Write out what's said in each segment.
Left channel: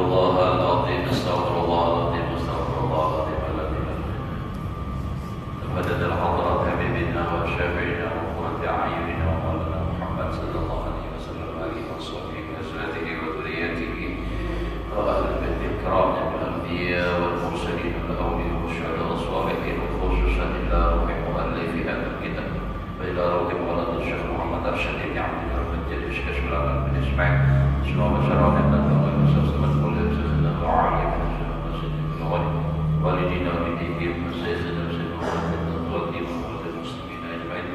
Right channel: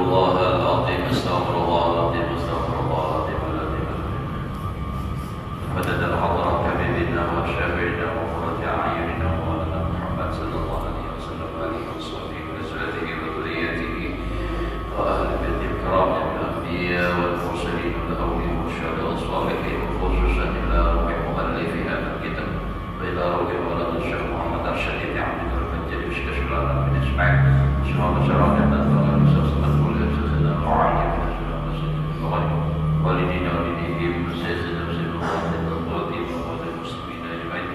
الله العظيم استغفر الله العظيم استغفر الله العظيم الذي مدد الحضرة حبيبنا وشافعنا وقرة أعيننا ومولانا محمد صلى الله عليه وسلم وآله وصحبه وأزواجه وذريته وأهل بيته الكرام من الأنبياء والمرسلين والأولياء والشهداء والصالحين وخصوصا إلى روح مؤلف هذا الكتاب وإلى روح مولانا الشيخ محمد أرشد بن عبد الله المنجلي وشكرا من إسماعيل سبحانه وتعالى dan والدين والديهم وسيدنا وسيدنا والدين والمسلمين أجمعين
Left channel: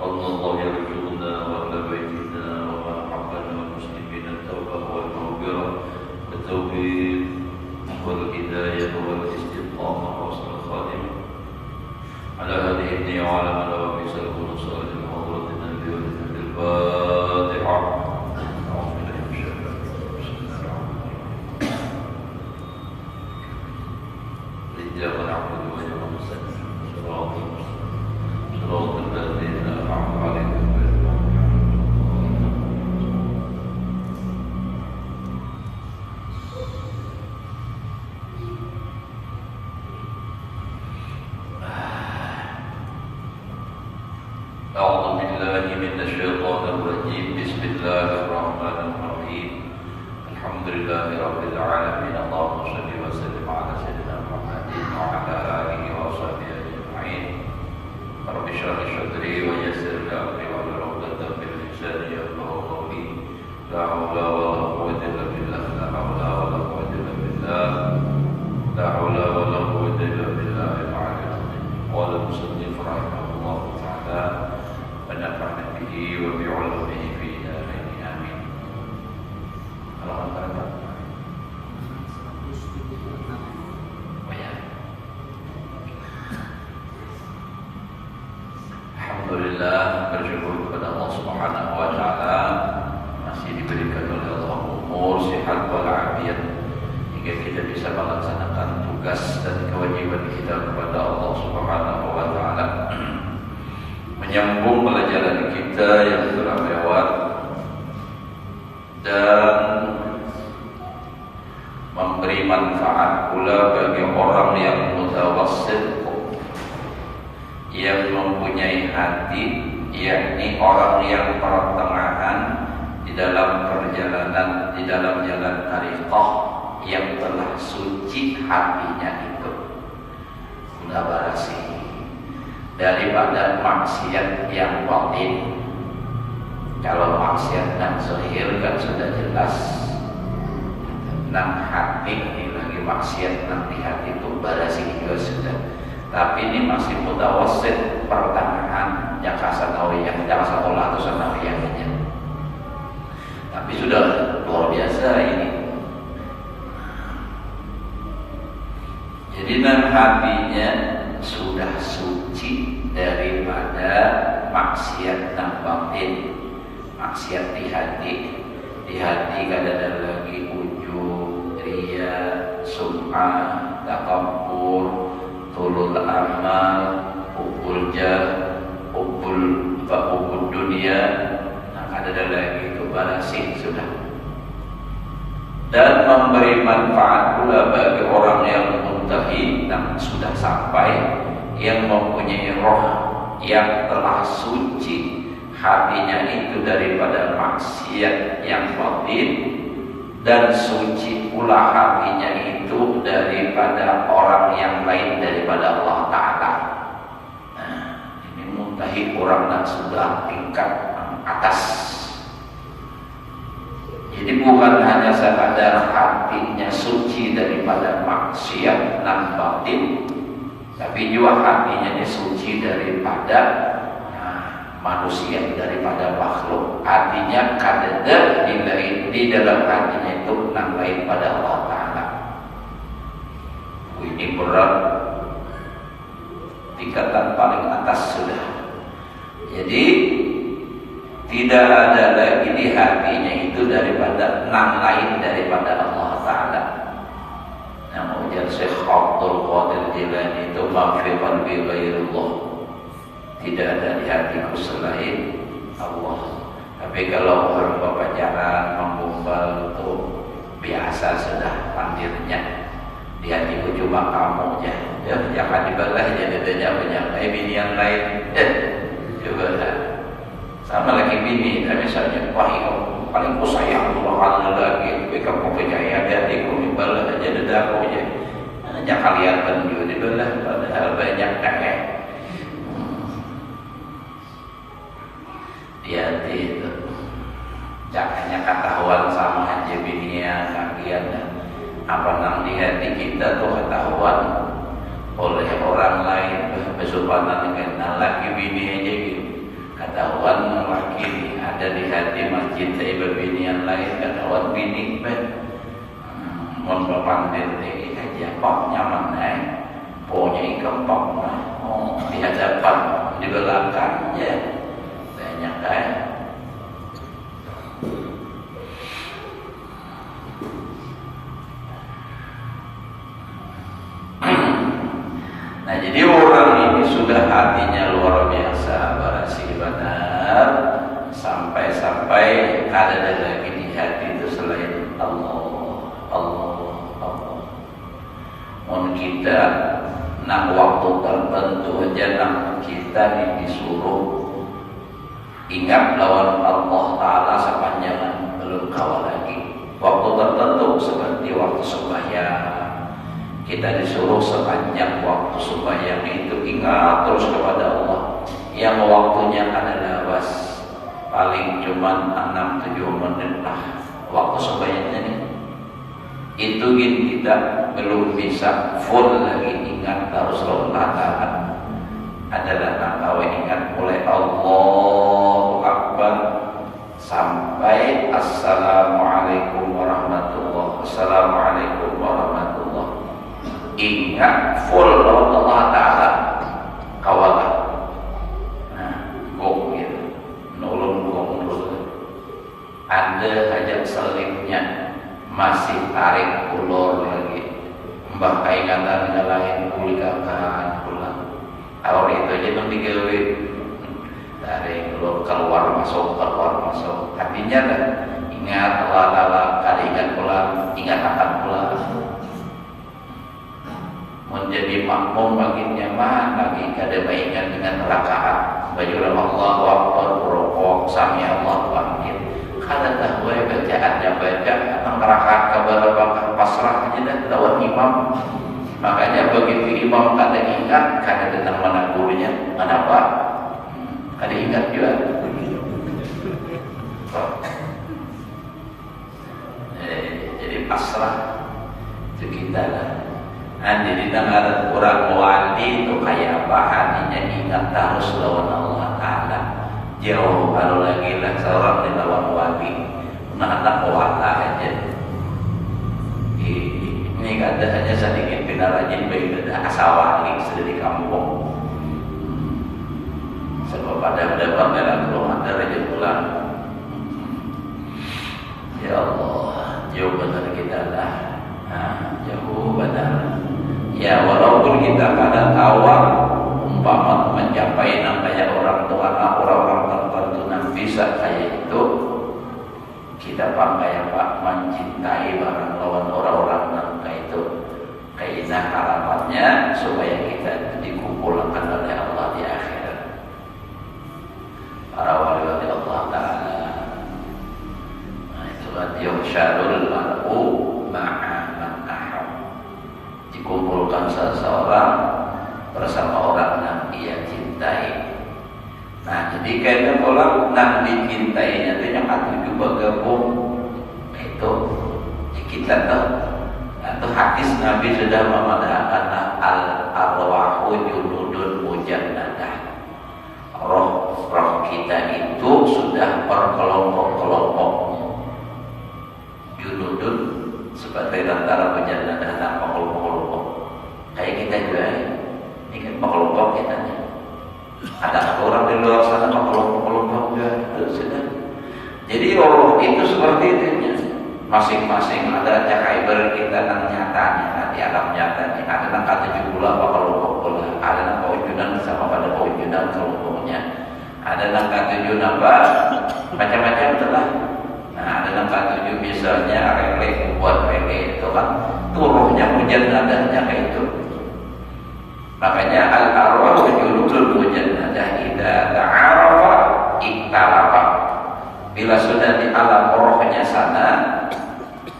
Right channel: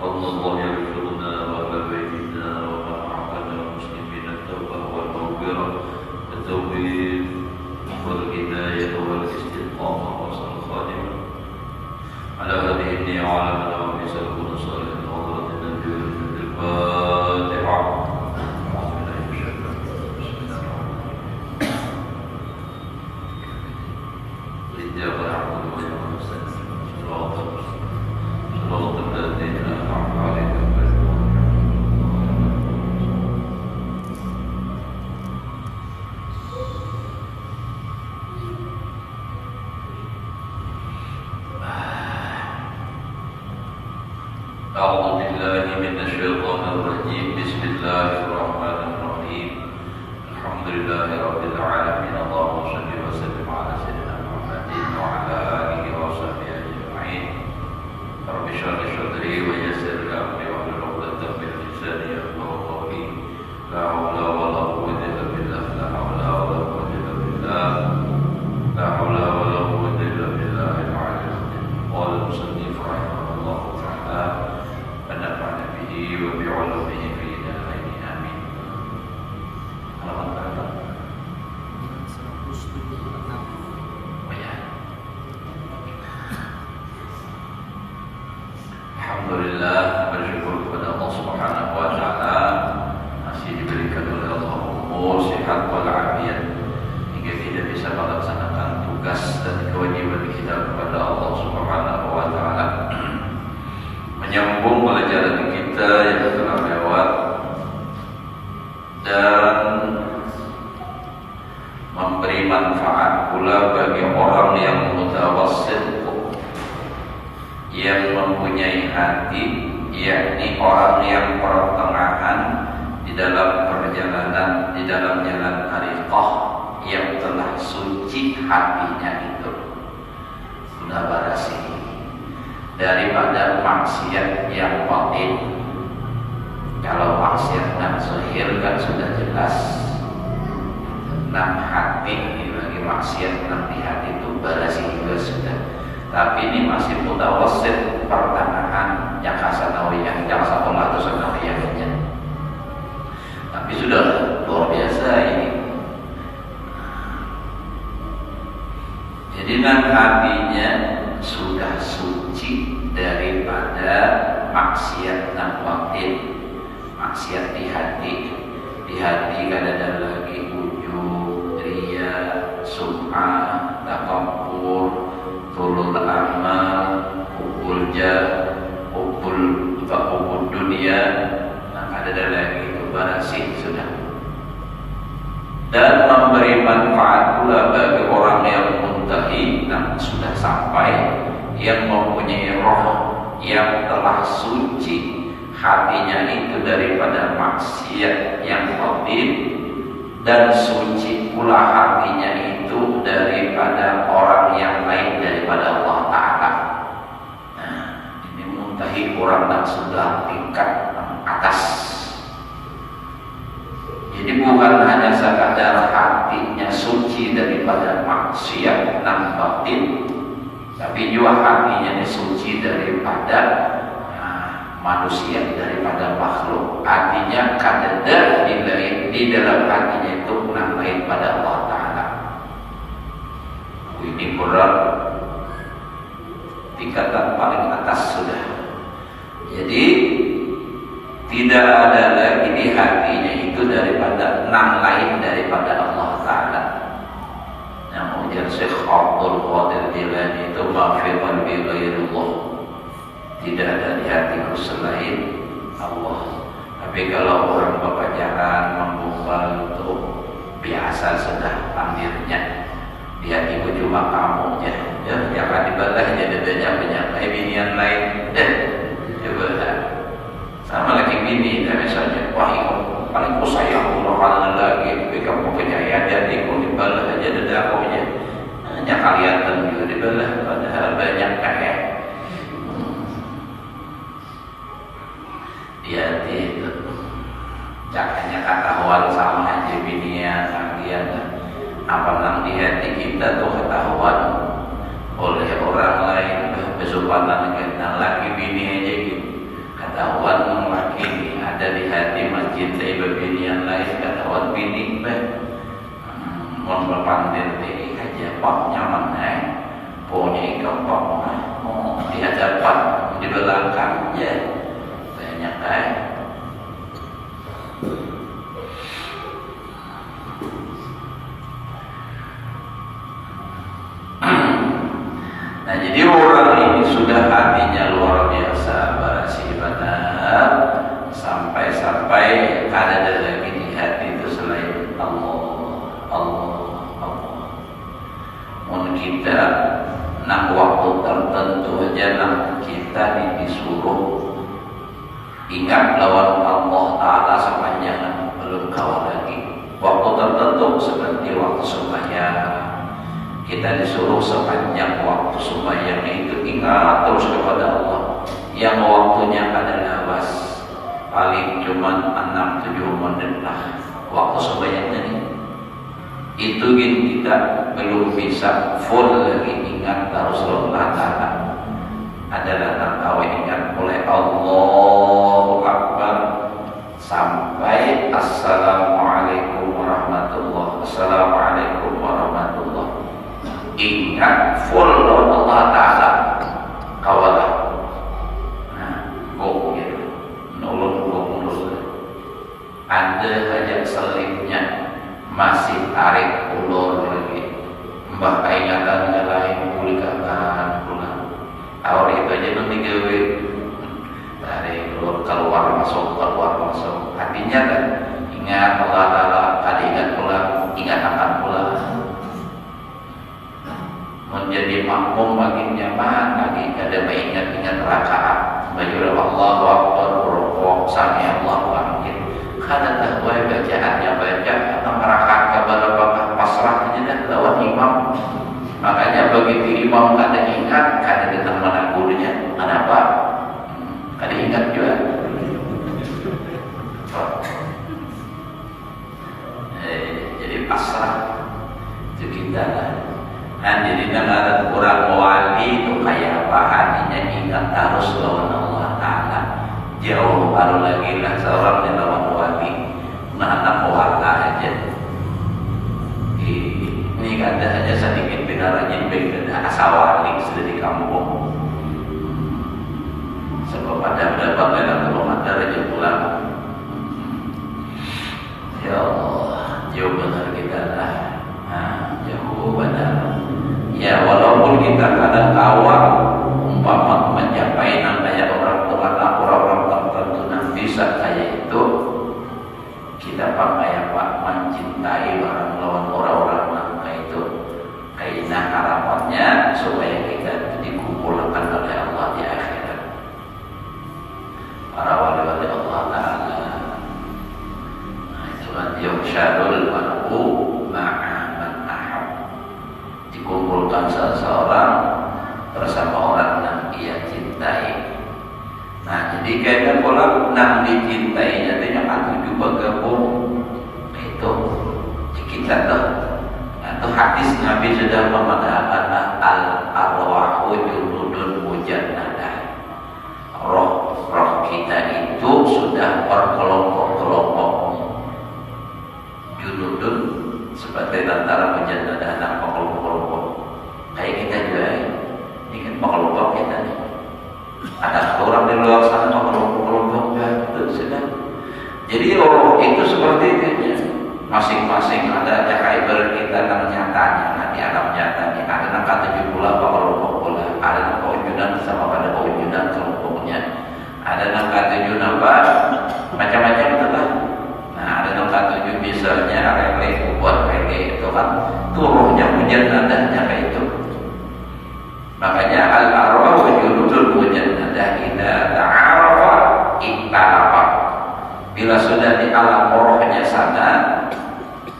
الله يغفر لنا وأهل بيتنا ومحبنا والمسلمين التوبة والمغفرة التوبة والهداية والاستقامة وحسن الخاتمة على هذه النية وعلى من لهم في سلكون صالح وحضرة النبي الفاتحة. إياك نعبد وإياك نستعين صراط الذين أنعمت عليهم غير أعوذ بالله من الشيطان الرجيم بسم الله الرحمن الرحيم الحمد لله رب العالمين اللهم صل وسلم على سيدنا وعلى آله وصحبه أجمعين رب اشرح لي صدري ويسر لي أمري واحلل عقدة من لساني يفقهوا قولي لا حول ولا قوة إلا بالله لا حول ولا قوة إلا بالله لا حول ولا قوة إلا بالله العلي العظيم. قال المصنف رحمه الله تعالى ونفعنا به وبعلومه في دارين آمين. Alhamdulillah, bersyukur kepada Allah Subhanahu wa taala masih diberikan oleh Allah umur, sehat walafiat hingga kita bisa melaksanakan tugas dan kewajiban kita kepada Allah Subhanahu wa taala. Menyambung pelajaran kita yang telah lewat dan memberi manfaat pula bagi orang yang mutawassit, yang mempunyai hati, yakni orang yang pertengahan di dalam perjalanan, di dalam jalan tariqah, yang telah suci hatinya itu sudah bersih daripada maksiat yang batin. Kalau maksiat dan zahir kan sudah jelas, nah hati ini lagi maksiat, nah di hati itu bersih juga sudah. Tapi ini masih mutawassit, pertengahan, yang kasanawiyah, yang sakolah atau sanawiyahnya. Tapi sudah luar biasa ini. Jadi nan hatinya sudah suci daripada maksiat dan batin. Maksiat di hati kan ada lagi ujub, riya, sum'ah, takabbur, tulul amal, hubul jah, hubul dunia, nah ada lagi itu barasih sudah. Dan memberi manfaat pula bagi orang yang muntahi, nah sudah sampai, yang mempunyai roh yang telah suci hatinya itu daripada maksiat yang batin, dan suci pula hatinya itu daripada orang yang lain daripada Allah Ta'ala. Nah, ini muntahi orang yang sudah tingkat atas. Jadi bukan hanya sekadar hatinya suci daripada maksiat dan batin, tapi juga hatinya suci daripada manusia, daripada makhluk. Artinya kadada di dalam hatinya itu nang lain pada Allah Ta'ala. Ini berat, tingkatan paling atas sudah. Jadi tidak ada lagi di hatinya itu daripada nang lain daripada Allah Ta'ala. Yang ujar Syekh Abdul Qadir Jilani itu mafi qalbi ghairullah, tidak ada di hatiku selain Allah. Tapi kalau orang berpacaran, membumbal itu biasa sudah panggilnya. Di hatiku cuma kamu aja. Ya, jangan dibalas jadi penyampai bini yang lain. Dan coba sama lagi bini dan saja. Wah, kamu paling ku sayang Allah Allah lagi. Kamu percaya jadi kau dibalas aja aku aja. Hanya kalian juga dibalas padahal banyak kaya. Hati itu. Jangannya ketahuan sama aja binian kalian dan apa nang di hati kita tuh ketahuan oleh orang lain. Besopanan kenal lagi bini aja gitu, ketahuan lagi ada di hati mencintai bebinian lain, ketahuan bini mohon berpandir deh aja pak nyaman punya ikan pak di hadapan di belakang ya banyak Nah, jadi orang ini sudah hatinya luar biasa barasi benar sampai ada lagi di hati itu selain Allah. Mun kita nak waktu tertentu aja nak kita disuruh ingat lawan Allah Ta'ala sepanjang belum kawan lagi. Waktu tertentu seperti waktu sembahyang. Kita disuruh sepanjang waktu sembahyang itu ingat terus kepada Allah. Yang waktunya adalah paling cuma 6-7 menit lah waktu sembahyang ini. Itu kita belum bisa full lagi ingat terus Allah Ta'ala. Adalah nangkawe ingat mulai Allahu Akbar sampai Assalamualaikum warahmatullahi wabarakatuh. Ingat full Allah Ta'ala kawalah. Nah, kok gitu nolong dulu. Anda hajat selipnya masih tarik ulur lagi mbah ingatan yang lain pulihkan pulang awal itu aja belum digawe tarik ulur keluar masuk artinya kan ingat Allah Ta'ala kali ingat pulang ingat akan pulang menjadi makmum makin nyaman lagi kada ingat rakaat baju Allahu Akbar rukuk sami Allahu Akbar kada tahu bacaannya baca rakaat kabar pasrah aja dah lawan imam. Makanya begitu imam kada ingat kada tentang mana gurunya kenapa kada ingat juga jadi pasrah itu kita lah. Nah, jadi dengan orang wali itu kayak apa hatinya ingat terus lawan Allah Ta'ala. Jauh baru lagi lah seorang di lawan wali. Nah, anak wala aja. Ini kada hanya sedikit benar aja berbeda asal wali sudah di kampung. Sebab pada dalam rumah ada raja pulang. Ya Allah, jauh benar kita lah. Jauh benar. Ya walaupun kita kadang awal umpama mencapai namanya orang tertentu yang bisa kayak itu kita pakai apa mencintai barang lawan orang-orang yang kayak itu kayak harapannya supaya kita dikumpulkan oleh Allah di akhirat para wali-wali Allah Ta'ala. Nah itu kan yusyadul mar'u ma'a dikumpulkan seseorang bersama orang yang ia cintai. Nah, jadi kaitan orang yang dicintainya itu yang aku juga gabung itu kita tahu. Itu hadis Nabi sudah mengatakan al-arwahu junudun mujannadah. Roh kita itu sudah berkelompok-kelompok. Junudun seperti tentara mujannadah tanpa kelompok-kelompok. Kayak kita juga ini kan kelompok kita nih. Ada orang di luar sana kelompok-kelompok juga itu sudah. Jadi roh itu seperti itu ya. Masing-masing ada cahaya kita yang nyatanya, nanti alam nyatanya. Ada yang kata jumlah kelompok pula, ada yang kewujudan sama pada kewujudan kelompoknya. Ada yang kata apa macam-macam telah. Nah, ada 647 misalnya reggae buat reggae itu kan turuhnya mujannadahnya kayak itu. Makanya al-arwah wujudul mujannadah idza ta'arafa iktalafa. Bila sudah di alam rohnya sana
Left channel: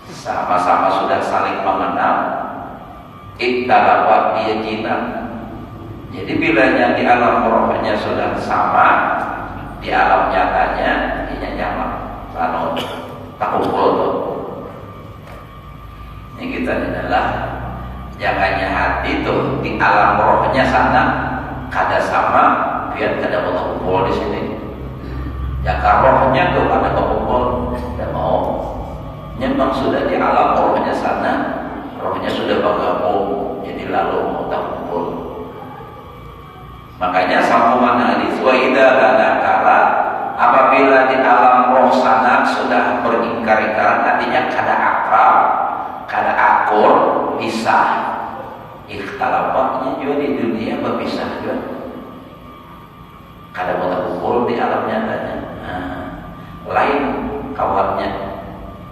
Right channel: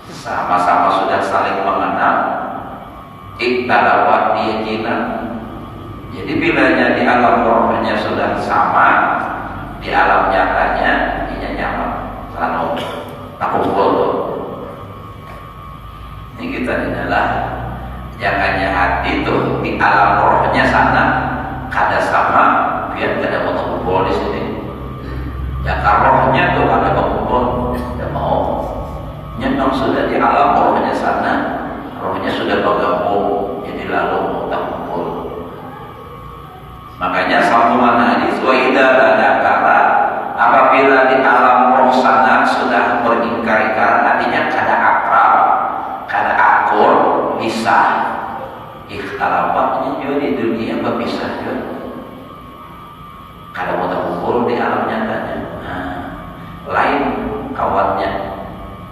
sama-sama sudah saling mengenal, iktalafa dia jinak. Jadi bilanya di alam rohnya sudah sama, di alam nyatanya dia nyaman. Lalu tak kumpul tuh. Ini kita adalah jangannya hati tuh di alam rohnya sana kada sama, biar kada mau kumpul di sini. Jangan rohnya tuh kada mau kumpul, tidak mau. Memang sudah di alam rohnya sana, rohnya sudah bergabung, jadi lalu mau tak kumpul. Makanya sambungan hadis wa idza lanakala, apabila di alam roh sana sudah beringkar-ingkar, artinya kada akal, kada akur, pisah. Ikhtilafnya juga di dunia berpisah juga. Kada mau terkumpul di alam nyatanya. Lain kawannya,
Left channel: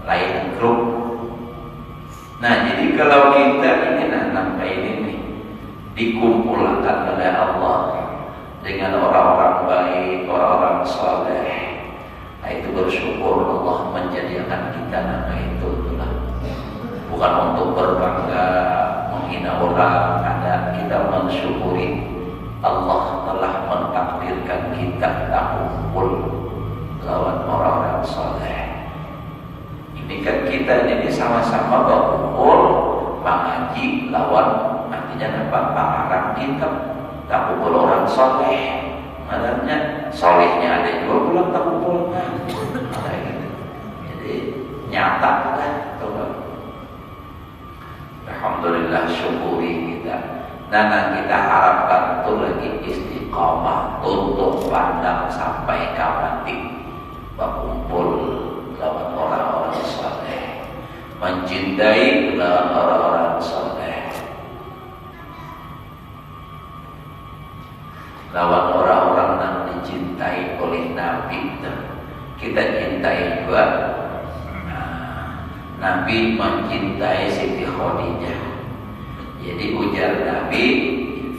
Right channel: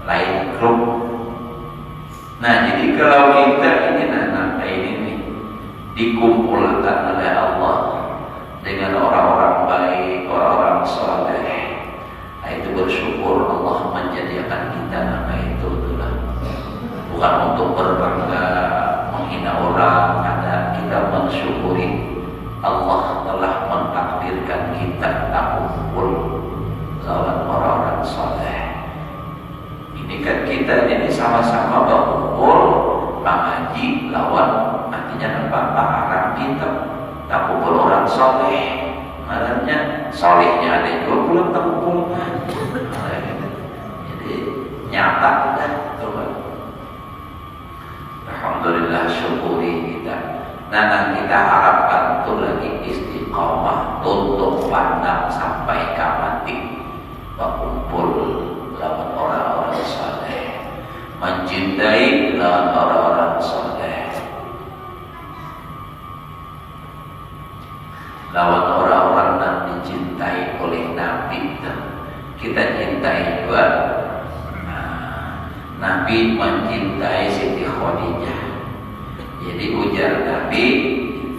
lain grup. Nah, jadi kalau kita ingin anak ini nih dikumpulkan oleh Allah dengan orang-orang baik, orang-orang saleh, nah itu bersyukur Allah menjadikan kita nama itu itulah. Bukan untuk berbangga, menghina orang, ada kita mensyukuri Allah telah mentakdirkan kita kumpul lawan orang-orang saleh. Ini kan kita ini sama-sama berkumpul mengaji lawan artinya nampak paharan kita tak kumpul orang saleh. Maknanya salehnya ada juga pulang tak kumpul kan. Jadi nyata kita teman. Alhamdulillah syukuri kita. Dan kita harapkan itu lagi istiqamah tutup pandang sampai mati berkumpul lawan orang-orang saleh, mencintai lawan orang-orang saleh, lawan orang-orang yang dicintai oleh Nabi. Kita cintai juga. Nabi mencintai Siti Khadijah. Jadi ujar Nabi,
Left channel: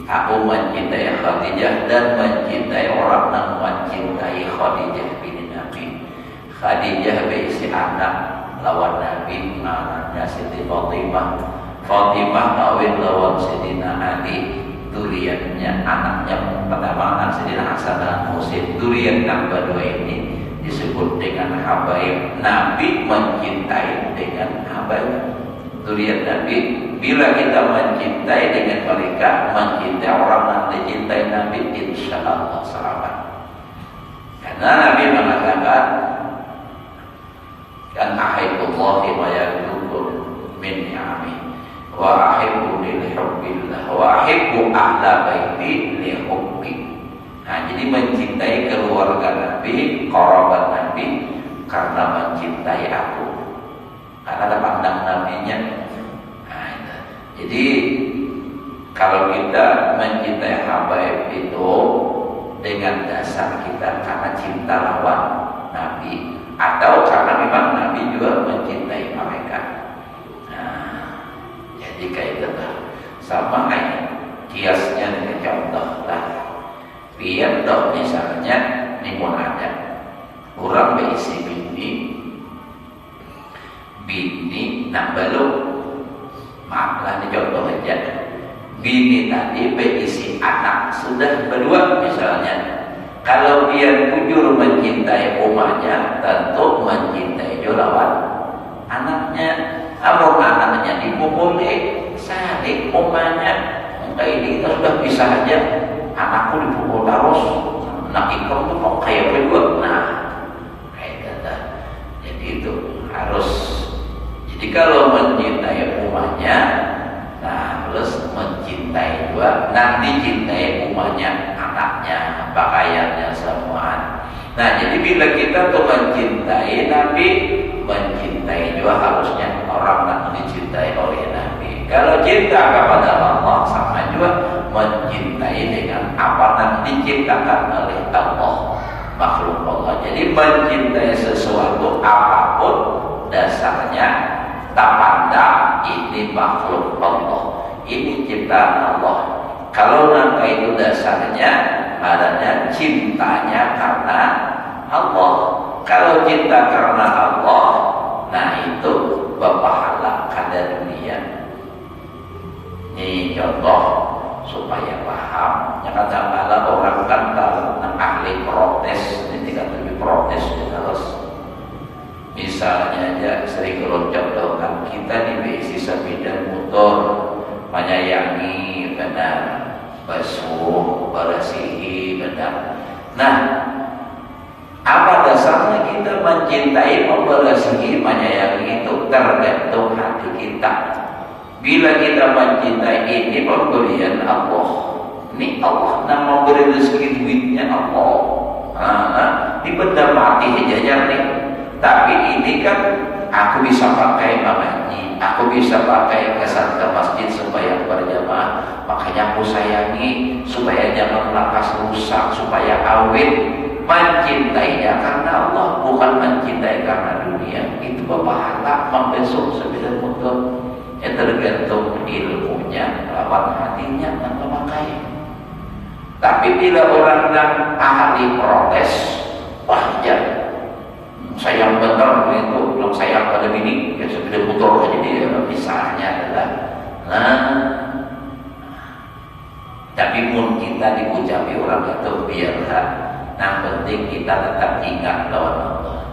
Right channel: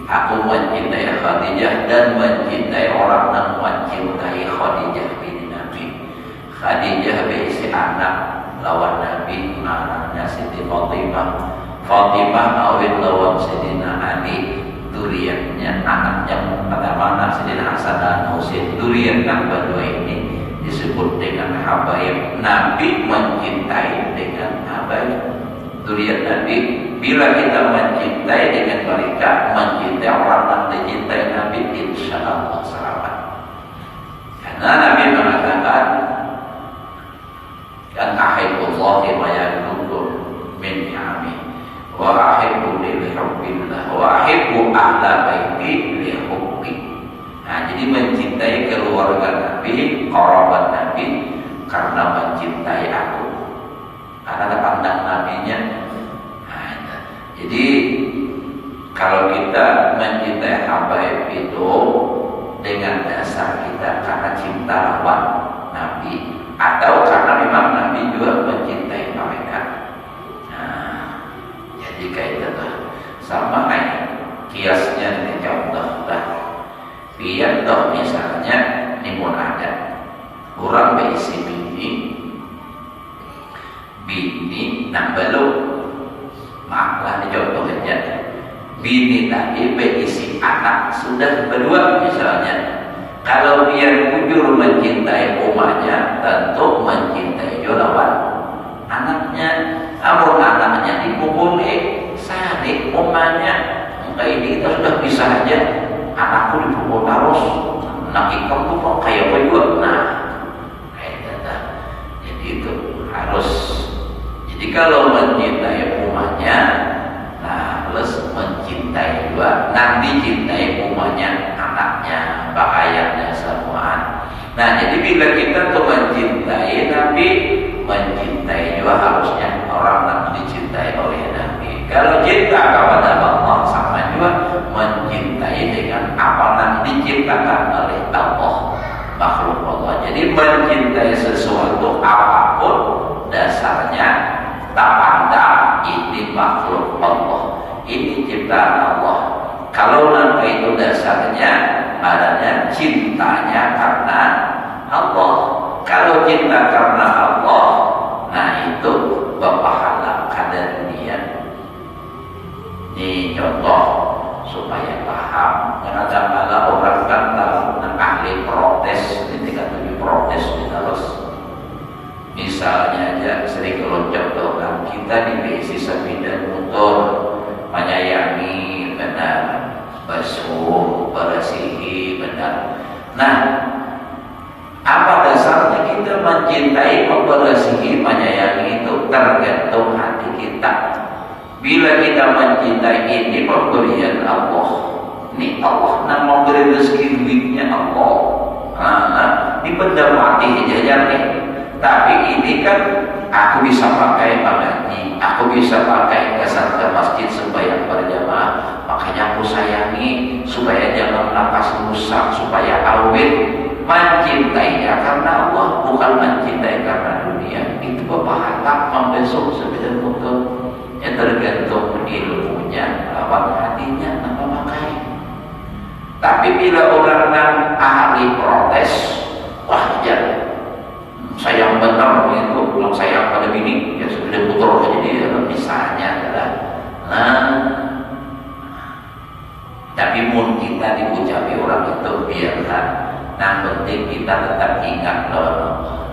aku mencintai Khadijah dan mencintai orang yang mencintai Khadijah bin Nabi. Khadijah berisi anak lawan Nabi, anaknya Siti Fatimah. Fatimah kawin lawan Sayyidina Ali, duriannya anaknya pertama anak Sayyidina Hasan dan Husain. Durian yang kedua ini disebut dengan habaib. Nabi mencintai dengan habaib. Durian Nabi, bila kita mencintai dengan mereka, mencintai orang yang dicintai Nabi, insya Allah selamat. Karena Nabi mengatakan, dan ahibbullahi ma yadukum min ni'ami wa ahibbu li hubbillah wa ahibbu ahla baiti li hubbi. Nah, jadi mencintai keluarga Nabi, kerabat Nabi karena mencintai aku. Karena ada pandang Nabinya. Nah, jadi kalau kita mencintai habaib itu dengan dasar kita karena cinta lawan Nabi, atau karena memang Nabi juga mencintai mereka. Nah, jadi kayak itu sama kayak kiasnya dengan contoh lah. Biar toh misalnya nimun ada orang berisi bini nak belum, maaflah ini contoh aja. Bini tadi berisi anak sudah berdua misalnya. Kalau dia jujur mencintai umahnya, tentu mencintai juga lawan anaknya. Namun anaknya dipukuli, saling umahnya. Enggak, ini kita sudah bisa aja. Anakku dipukul terus, nak ikam tuh kok kayak apa juga. Nah, kayak gitu. Jadi itu harus. Jadi kalau mencintai umahnya, nah plus mencintai juga, nanti cintai umahnya, anaknya, pakaiannya, semuaan. Nah, jadi bila kita tuh mencintai Nabi, mencintai juga harusnya orang yang dicintai oleh Nabi. Kalau cinta kepada Allah sama juga mencintai dengan apa yang diciptakan oleh Allah, makhluk Allah. Jadi mencintai sesuatu apapun dasarnya tak pandang ini makhluk Allah, ini ciptaan Allah. Kalau nangka itu dasarnya, adanya cintanya karena Allah. Kalau cinta karena Allah, nah itu berpahala kada dunia. Ini contoh supaya paham. Jangan sampai orang kan tahu ahli protes, ketika tujuh protes terus. Misalnya aja sering kalau contohkan kita di BSI sepeda motor menyayangi benar, basuh, bersihi benar. Nah, apa dasarnya kita mencintai, membersihi, menyayangi itu tergantung hati kita. Bila kita mencintai ini pemberian Allah, ini Allah yang memberi rezeki duitnya Allah. Ini benda mati jajan nih. Tapi ini kan aku bisa pakai mengaji, aku bisa pakai ke masjid sembahyang berjamaah. Makanya aku sayangi supaya jangan napas rusak, supaya awet. Mencintainya karena Allah, bukan mencintai karena dunia. Itu berpahala membesok sepeda motor. Ya tergantung ilmunya, lawan hatinya, apa pakai. Tapi bila orang yang ahli protes, wah jangan. Sayang benar itu, bilang sayang pada bini, ya sepeda motor aja dia. Misalnya adalah, tapi pun kita diucapi orang itu biarkan. Yang penting kita tetap ingat lawan Allah.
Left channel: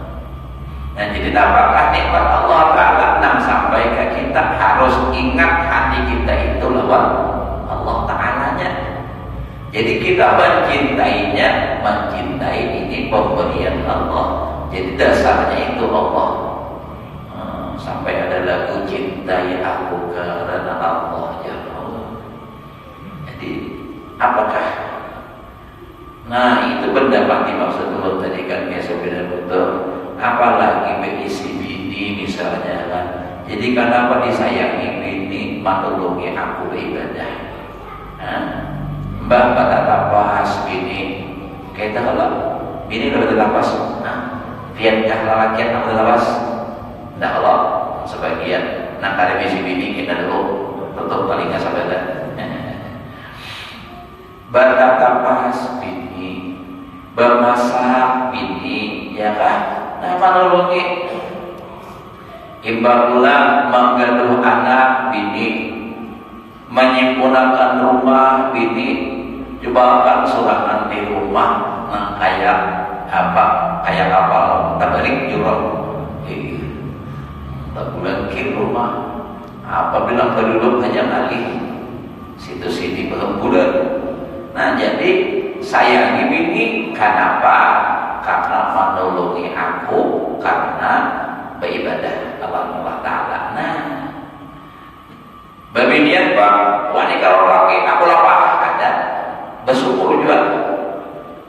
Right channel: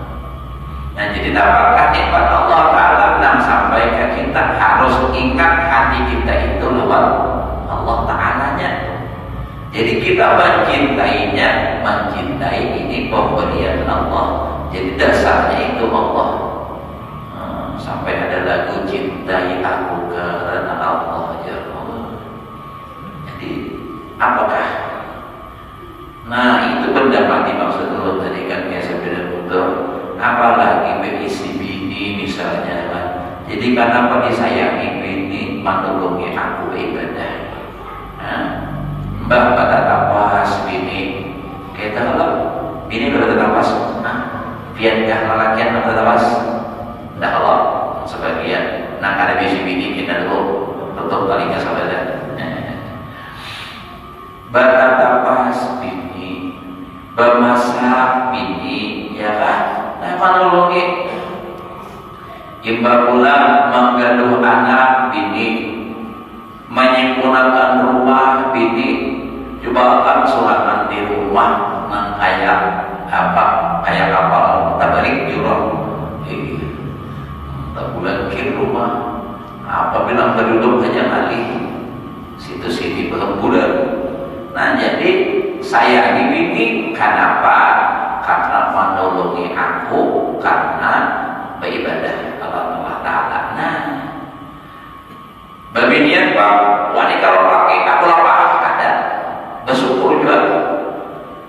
Nah jadi dapatkan nikmat Allah Ta'ala yang sampai ke kita harus ingat hati kita itu lawan Allah Ta'alanya. Jadi kita mencintainya, mencintai ini pemberian Allah. Jadi dasarnya itu Allah. Sampai ada lagu cintai aku karena Allah ya Allah. Jadi apakah? Nah itu pendapat dimaksud dulu tadi kan biasa beda betul. Apalagi berisi bini misalnya kan. Jadi kenapa disayangi bini menolongi aku beribadah? Mbak tak tapas bini. Kita kalau bini kalau tak tapas, biarkah lelakian atau tapas? Tidak Allah sebagian. Nah kada bisi bini kita dulu tutup palingnya sahabat. Bertatapas bini, bermasak bini, ya kan? Nah, menolongi. Imbang pula menggaduh anak bini, menyempurnakan rumah bini. Coba akan surangan di rumah nang kayak apa? Kayak kapal tabalik jurang. Tak bulan kir rumah. Apa bilang penduduk hanya kali situ sini belum bulan. Nah jadi sayangi bini kenapa? Karena menolongi aku, karena beribadah kepada Allah Ta'ala. Nah babinian bang, wanita kalau laki aku lapar ada bersyukur juga.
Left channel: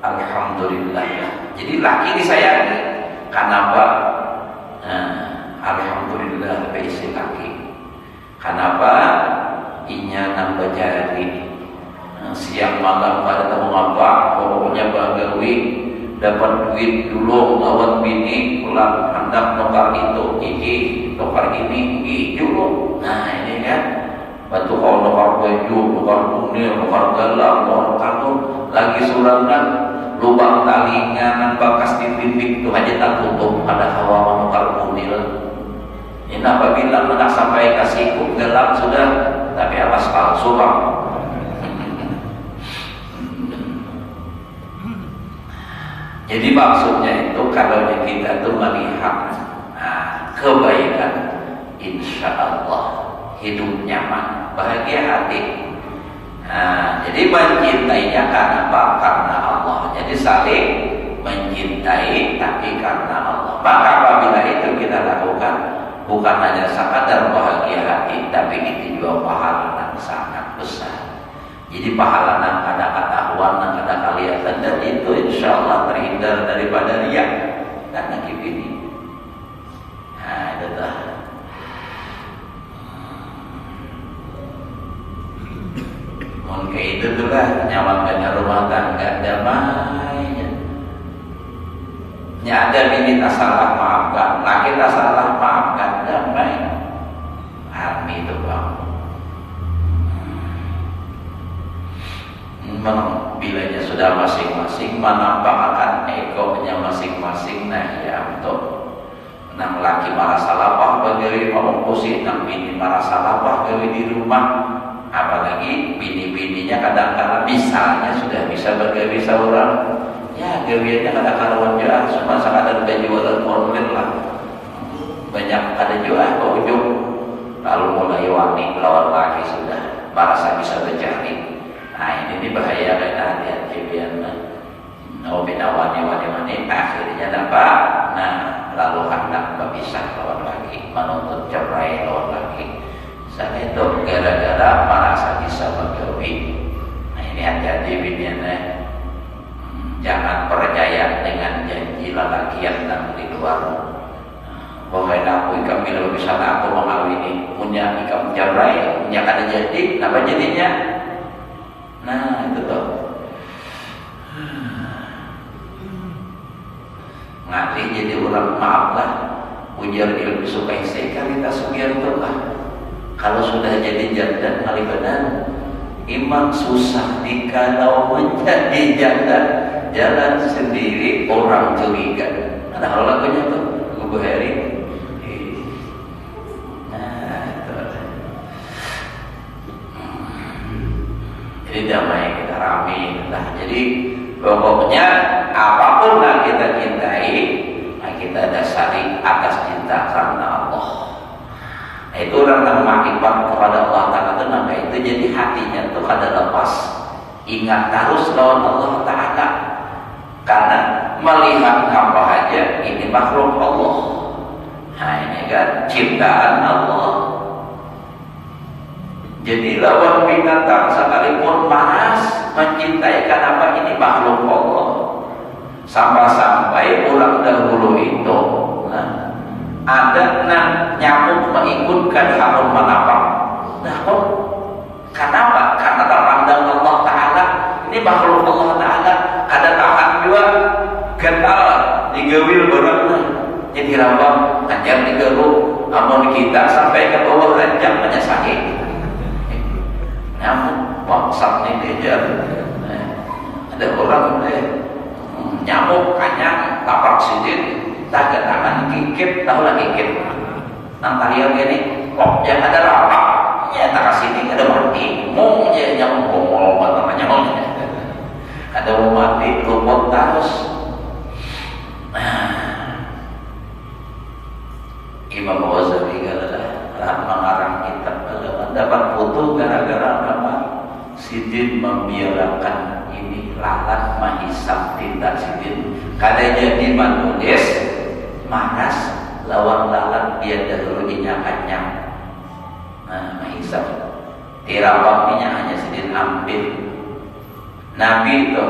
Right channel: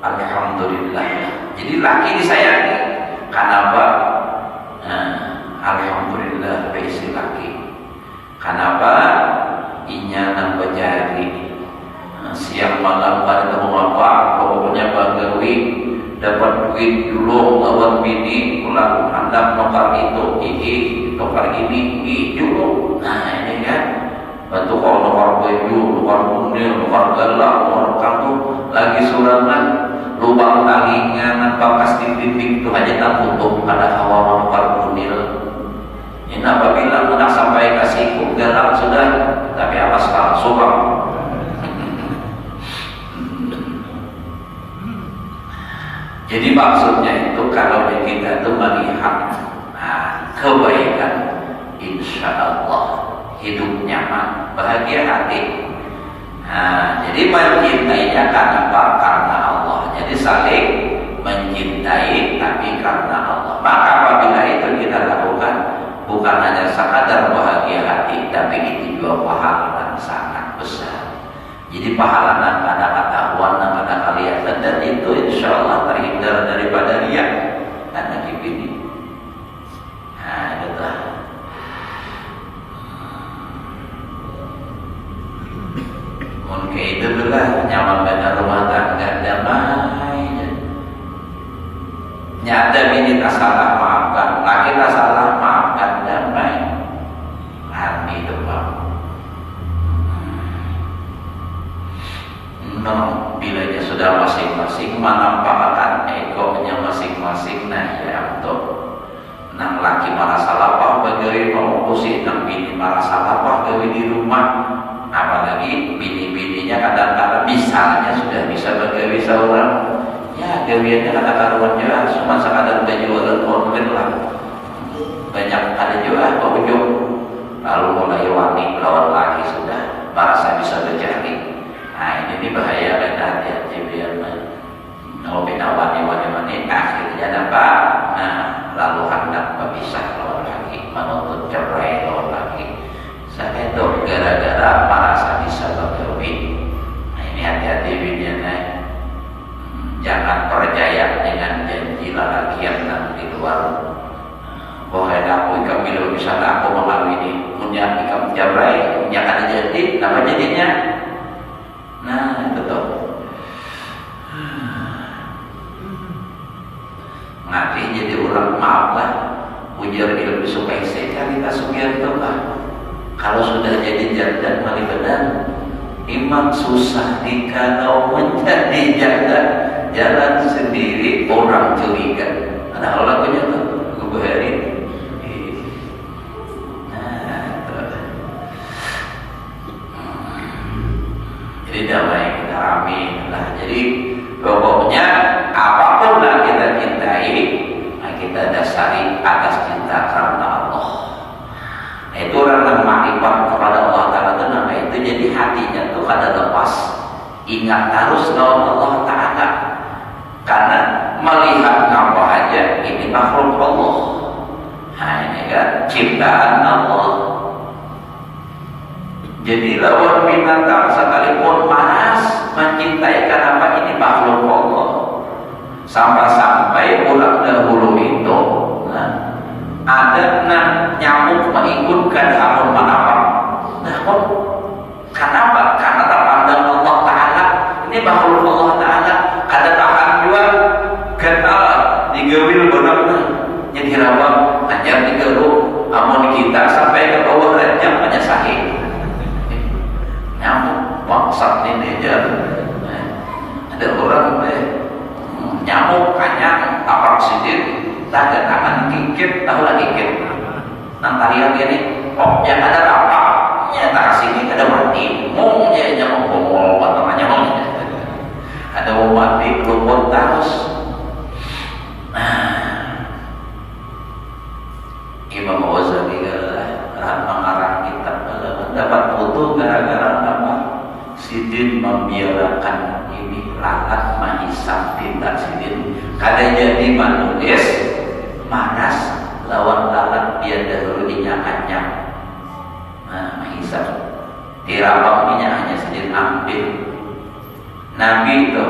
Alhamdulillah. Jadi laki disayangi kenapa? Alhamdulillah berisi laki. Kenapa? Inya nambah jari. Siang malam pada temu apa, pokoknya bagawi dapat duit dulu lawan bini, pulang hendak nukar itu, nukar ini, dulu. Nah ini kan, bantu kalau nukar baju, nukar kunil, nukar galang, nukar tuh lagi surangan, lubang talingan, bekas di pimpin itu aja tak tutup pada hawa nukar kunil. Ini apabila hendak sampai kasih galang sudah, tapi awas palsu bang. Jadi maksudnya itu kalau kita itu melihat kebaikan, insya Allah hidup nyaman, bahagia hati. Jadi mencintainya karena apa? Karena Allah. Jadi saling mencintai tapi karena Allah. Maka apabila itu kita lakukan, bukan hanya sekadar bahagia hati, tapi itu juga pahala yang sangat besar. Jadi pahala yang ada ketahuan, yang ada kelihatan, dan itu insya Allah terhindar daripada riak dan nakib ini. Nah itu lah. Mungkin itu lah nyaman benar rumah tangga damai. Nyata ini tak salah maaf maafkan, nah kita salah maafkan, damai hati itu Pak. Bilanya sudah masing-masing menampakkan egonya masing-masing, nah ya untuk nang laki marah salah bagawi mau kusih, nang bini marah salah bagawi di rumah, apalagi bini-bininya kadang-kadang misalnya sudah bisa bagawi seorang, ya gawiannya kadang-kadang juga cuma sekadar udah jualan konflik lah, banyak ada juga ujung lalu mulai wani melawan laki sudah merasa bisa berjari. Nah ini bahaya dan hati-hati biar mau bina wani akhirnya dapat, nah lalu hendak berpisah lawan lagi, menuntut cerai lawan lagi. Saya itu gara-gara merasa bisa bergawi. Nah ini hati-hati biniannya, jangan percaya dengan janji lelaki yang di luar. Bahkan aku ikam bila misalnya aku mengawini punya ikam cerai, punya ada janji, apa jadinya? Nah itu tuh ngali jadi orang maaf lah, ujar ilmu supaya kita sugianto lah. Kalau sudah jadi janda mali benar, imam susah dikalau menjadi janda, jalan sendiri orang curiga. Ada hal lagunya tuh gue hari. Jadi damai kita amin lah. Jadi pokoknya apapun yang kita cintai, nah kita dasari atas cinta karena Allah. Nah, itu orang yang makrifat kepada Allah Taala itu, nah itu jadi hatinya tuh kada lepas ingat terus lawan Allah Taala, karena melihat apa aja ini makhluk Allah. Nah ini kan ciptaan Allah. Jadi lawan binatang sekalipun malas mencintai kenapa ini makhluk Allah. Sampai orang dahulu itu ada nyamuk mengikutkan kamu menapa. Nah, kenapa? Karena tak pandang Allah Ta'ala, ini makhluk Allah Ta'ala, ada tahan dua gental digawil benar-benar. Jadi rawang ajar digaru, amun kita sampai ke bawah ranjang menyesali. Nyamuk bangsat ini dia, ada orang nyamuk kanyang tapak sidin, tak ada tangan kikit, tahu lah kikit. Nanti lihat ini, kok yang ada rapak, ya tak sini ada mati, mau ya nyamuk bongol, namanya mau. Ada mau mati, luput terus. Imam Ghazali mengarang kitab dapat foto gara-gara nama Sidin membiarkan ini lalat menghisap tindak Sidin. Kada jadi menulis manas lawan lalat dia dahulunya kanyang. Nah menghisap tirabang minyak hanya Sidin ambil. Nabi itu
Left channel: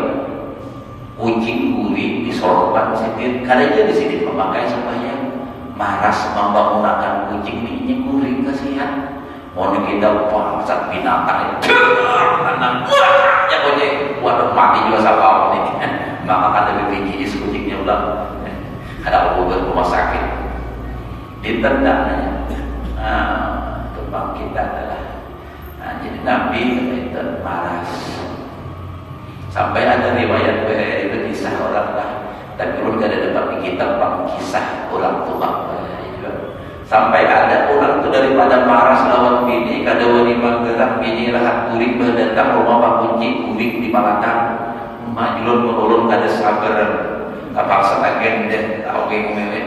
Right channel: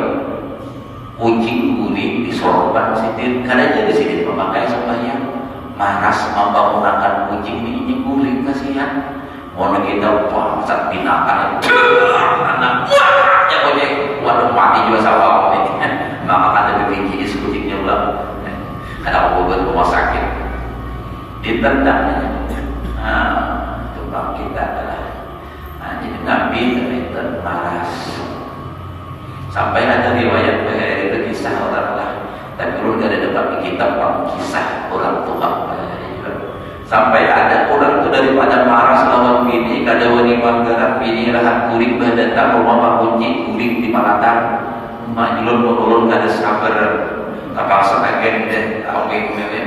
kucing guling di sorban Sidin. Kada jadi Sidin memakai sembahyang. Maras membangunkan kucing ini guling kasihan. Mau kita bangsat binatang anak ya boleh waduh mati juga sama ini. Maka ada begini kucingnya ulang. Ada obat rumah sakit ditendang. Kebang kita adalah jadi Nabi itu maras. Sampai ada riwayat kisah orang lah. Dan belum ada dapat di kitab kisah orang tua. Sampai ada orang itu daripada maras lawan bini, kada wani manggaran bini rahat kuring datang rumah Pak Kunci kuring di Malatang. Majulun menurun kada sabar. Kapal sebagian deh tahu milih.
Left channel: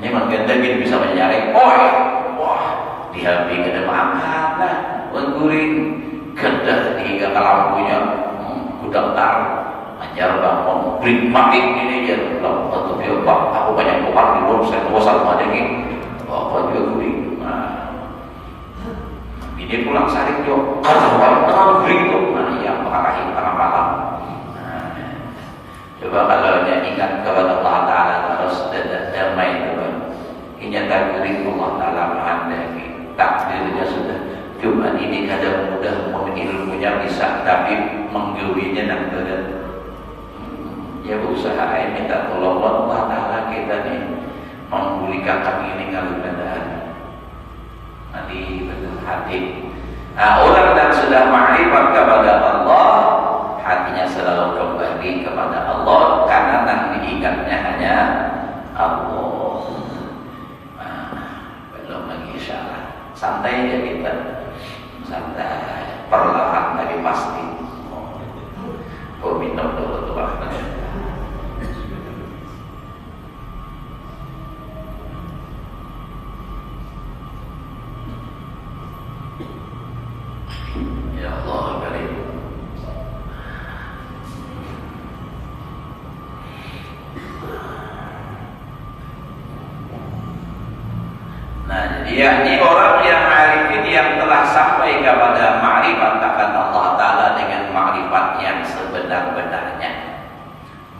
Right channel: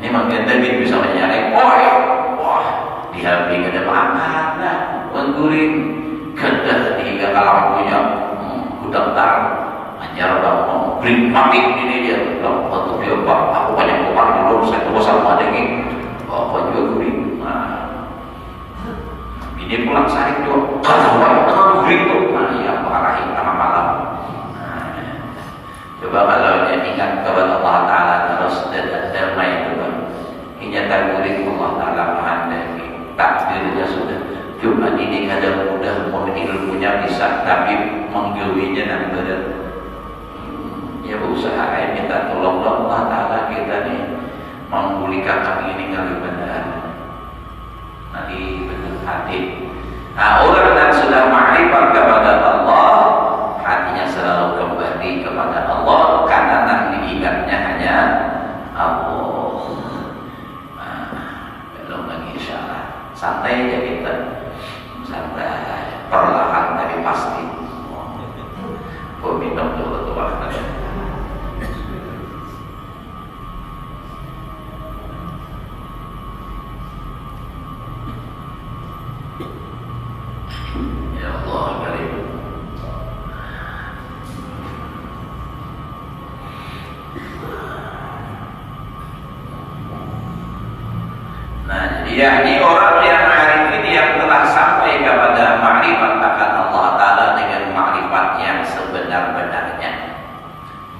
Ini mangkenda gitu bisa menyalek. Wah, dihampir kada makan lah. Kuring kada tiga lampunya gudang tar. Ajar bangun, beri mati ini dia bilang, waktu dia bang, aku banyak keluar di luar, saya tunggu sama ada ini, apa juga beri. Ini pulang sehari juga, karena banyak terlalu beri tuh, yang marahin tengah malam. Coba kalau ingat kepada Allah Taala terus dan damai itu, ini takdir Allah Taala menghendaki, takdirnya sudah. Cuma ini kadang mudah, ilmunya bisa, tapi menggawinya dan berat. Ya berusaha minta tolong Allah Ta'ala kita nih memulihkan kami ini kali benar. Mari benar hati. Nah, orang yang sudah ma'rifat kepada Allah, hatinya selalu kembali kepada Allah karena yang diingatnya hanya Allah. Nah, belum lagi insyaallah. Santai aja kita, santai, perlahan tapi pasti. Oh, minum dulu tuh. Ya Allah, karim. Nah, jadi ini orang yang arifin yang telah sampai kepada ma'rifat akan Allah Ta'ala dengan ma'rifat yang sebenar-benarnya.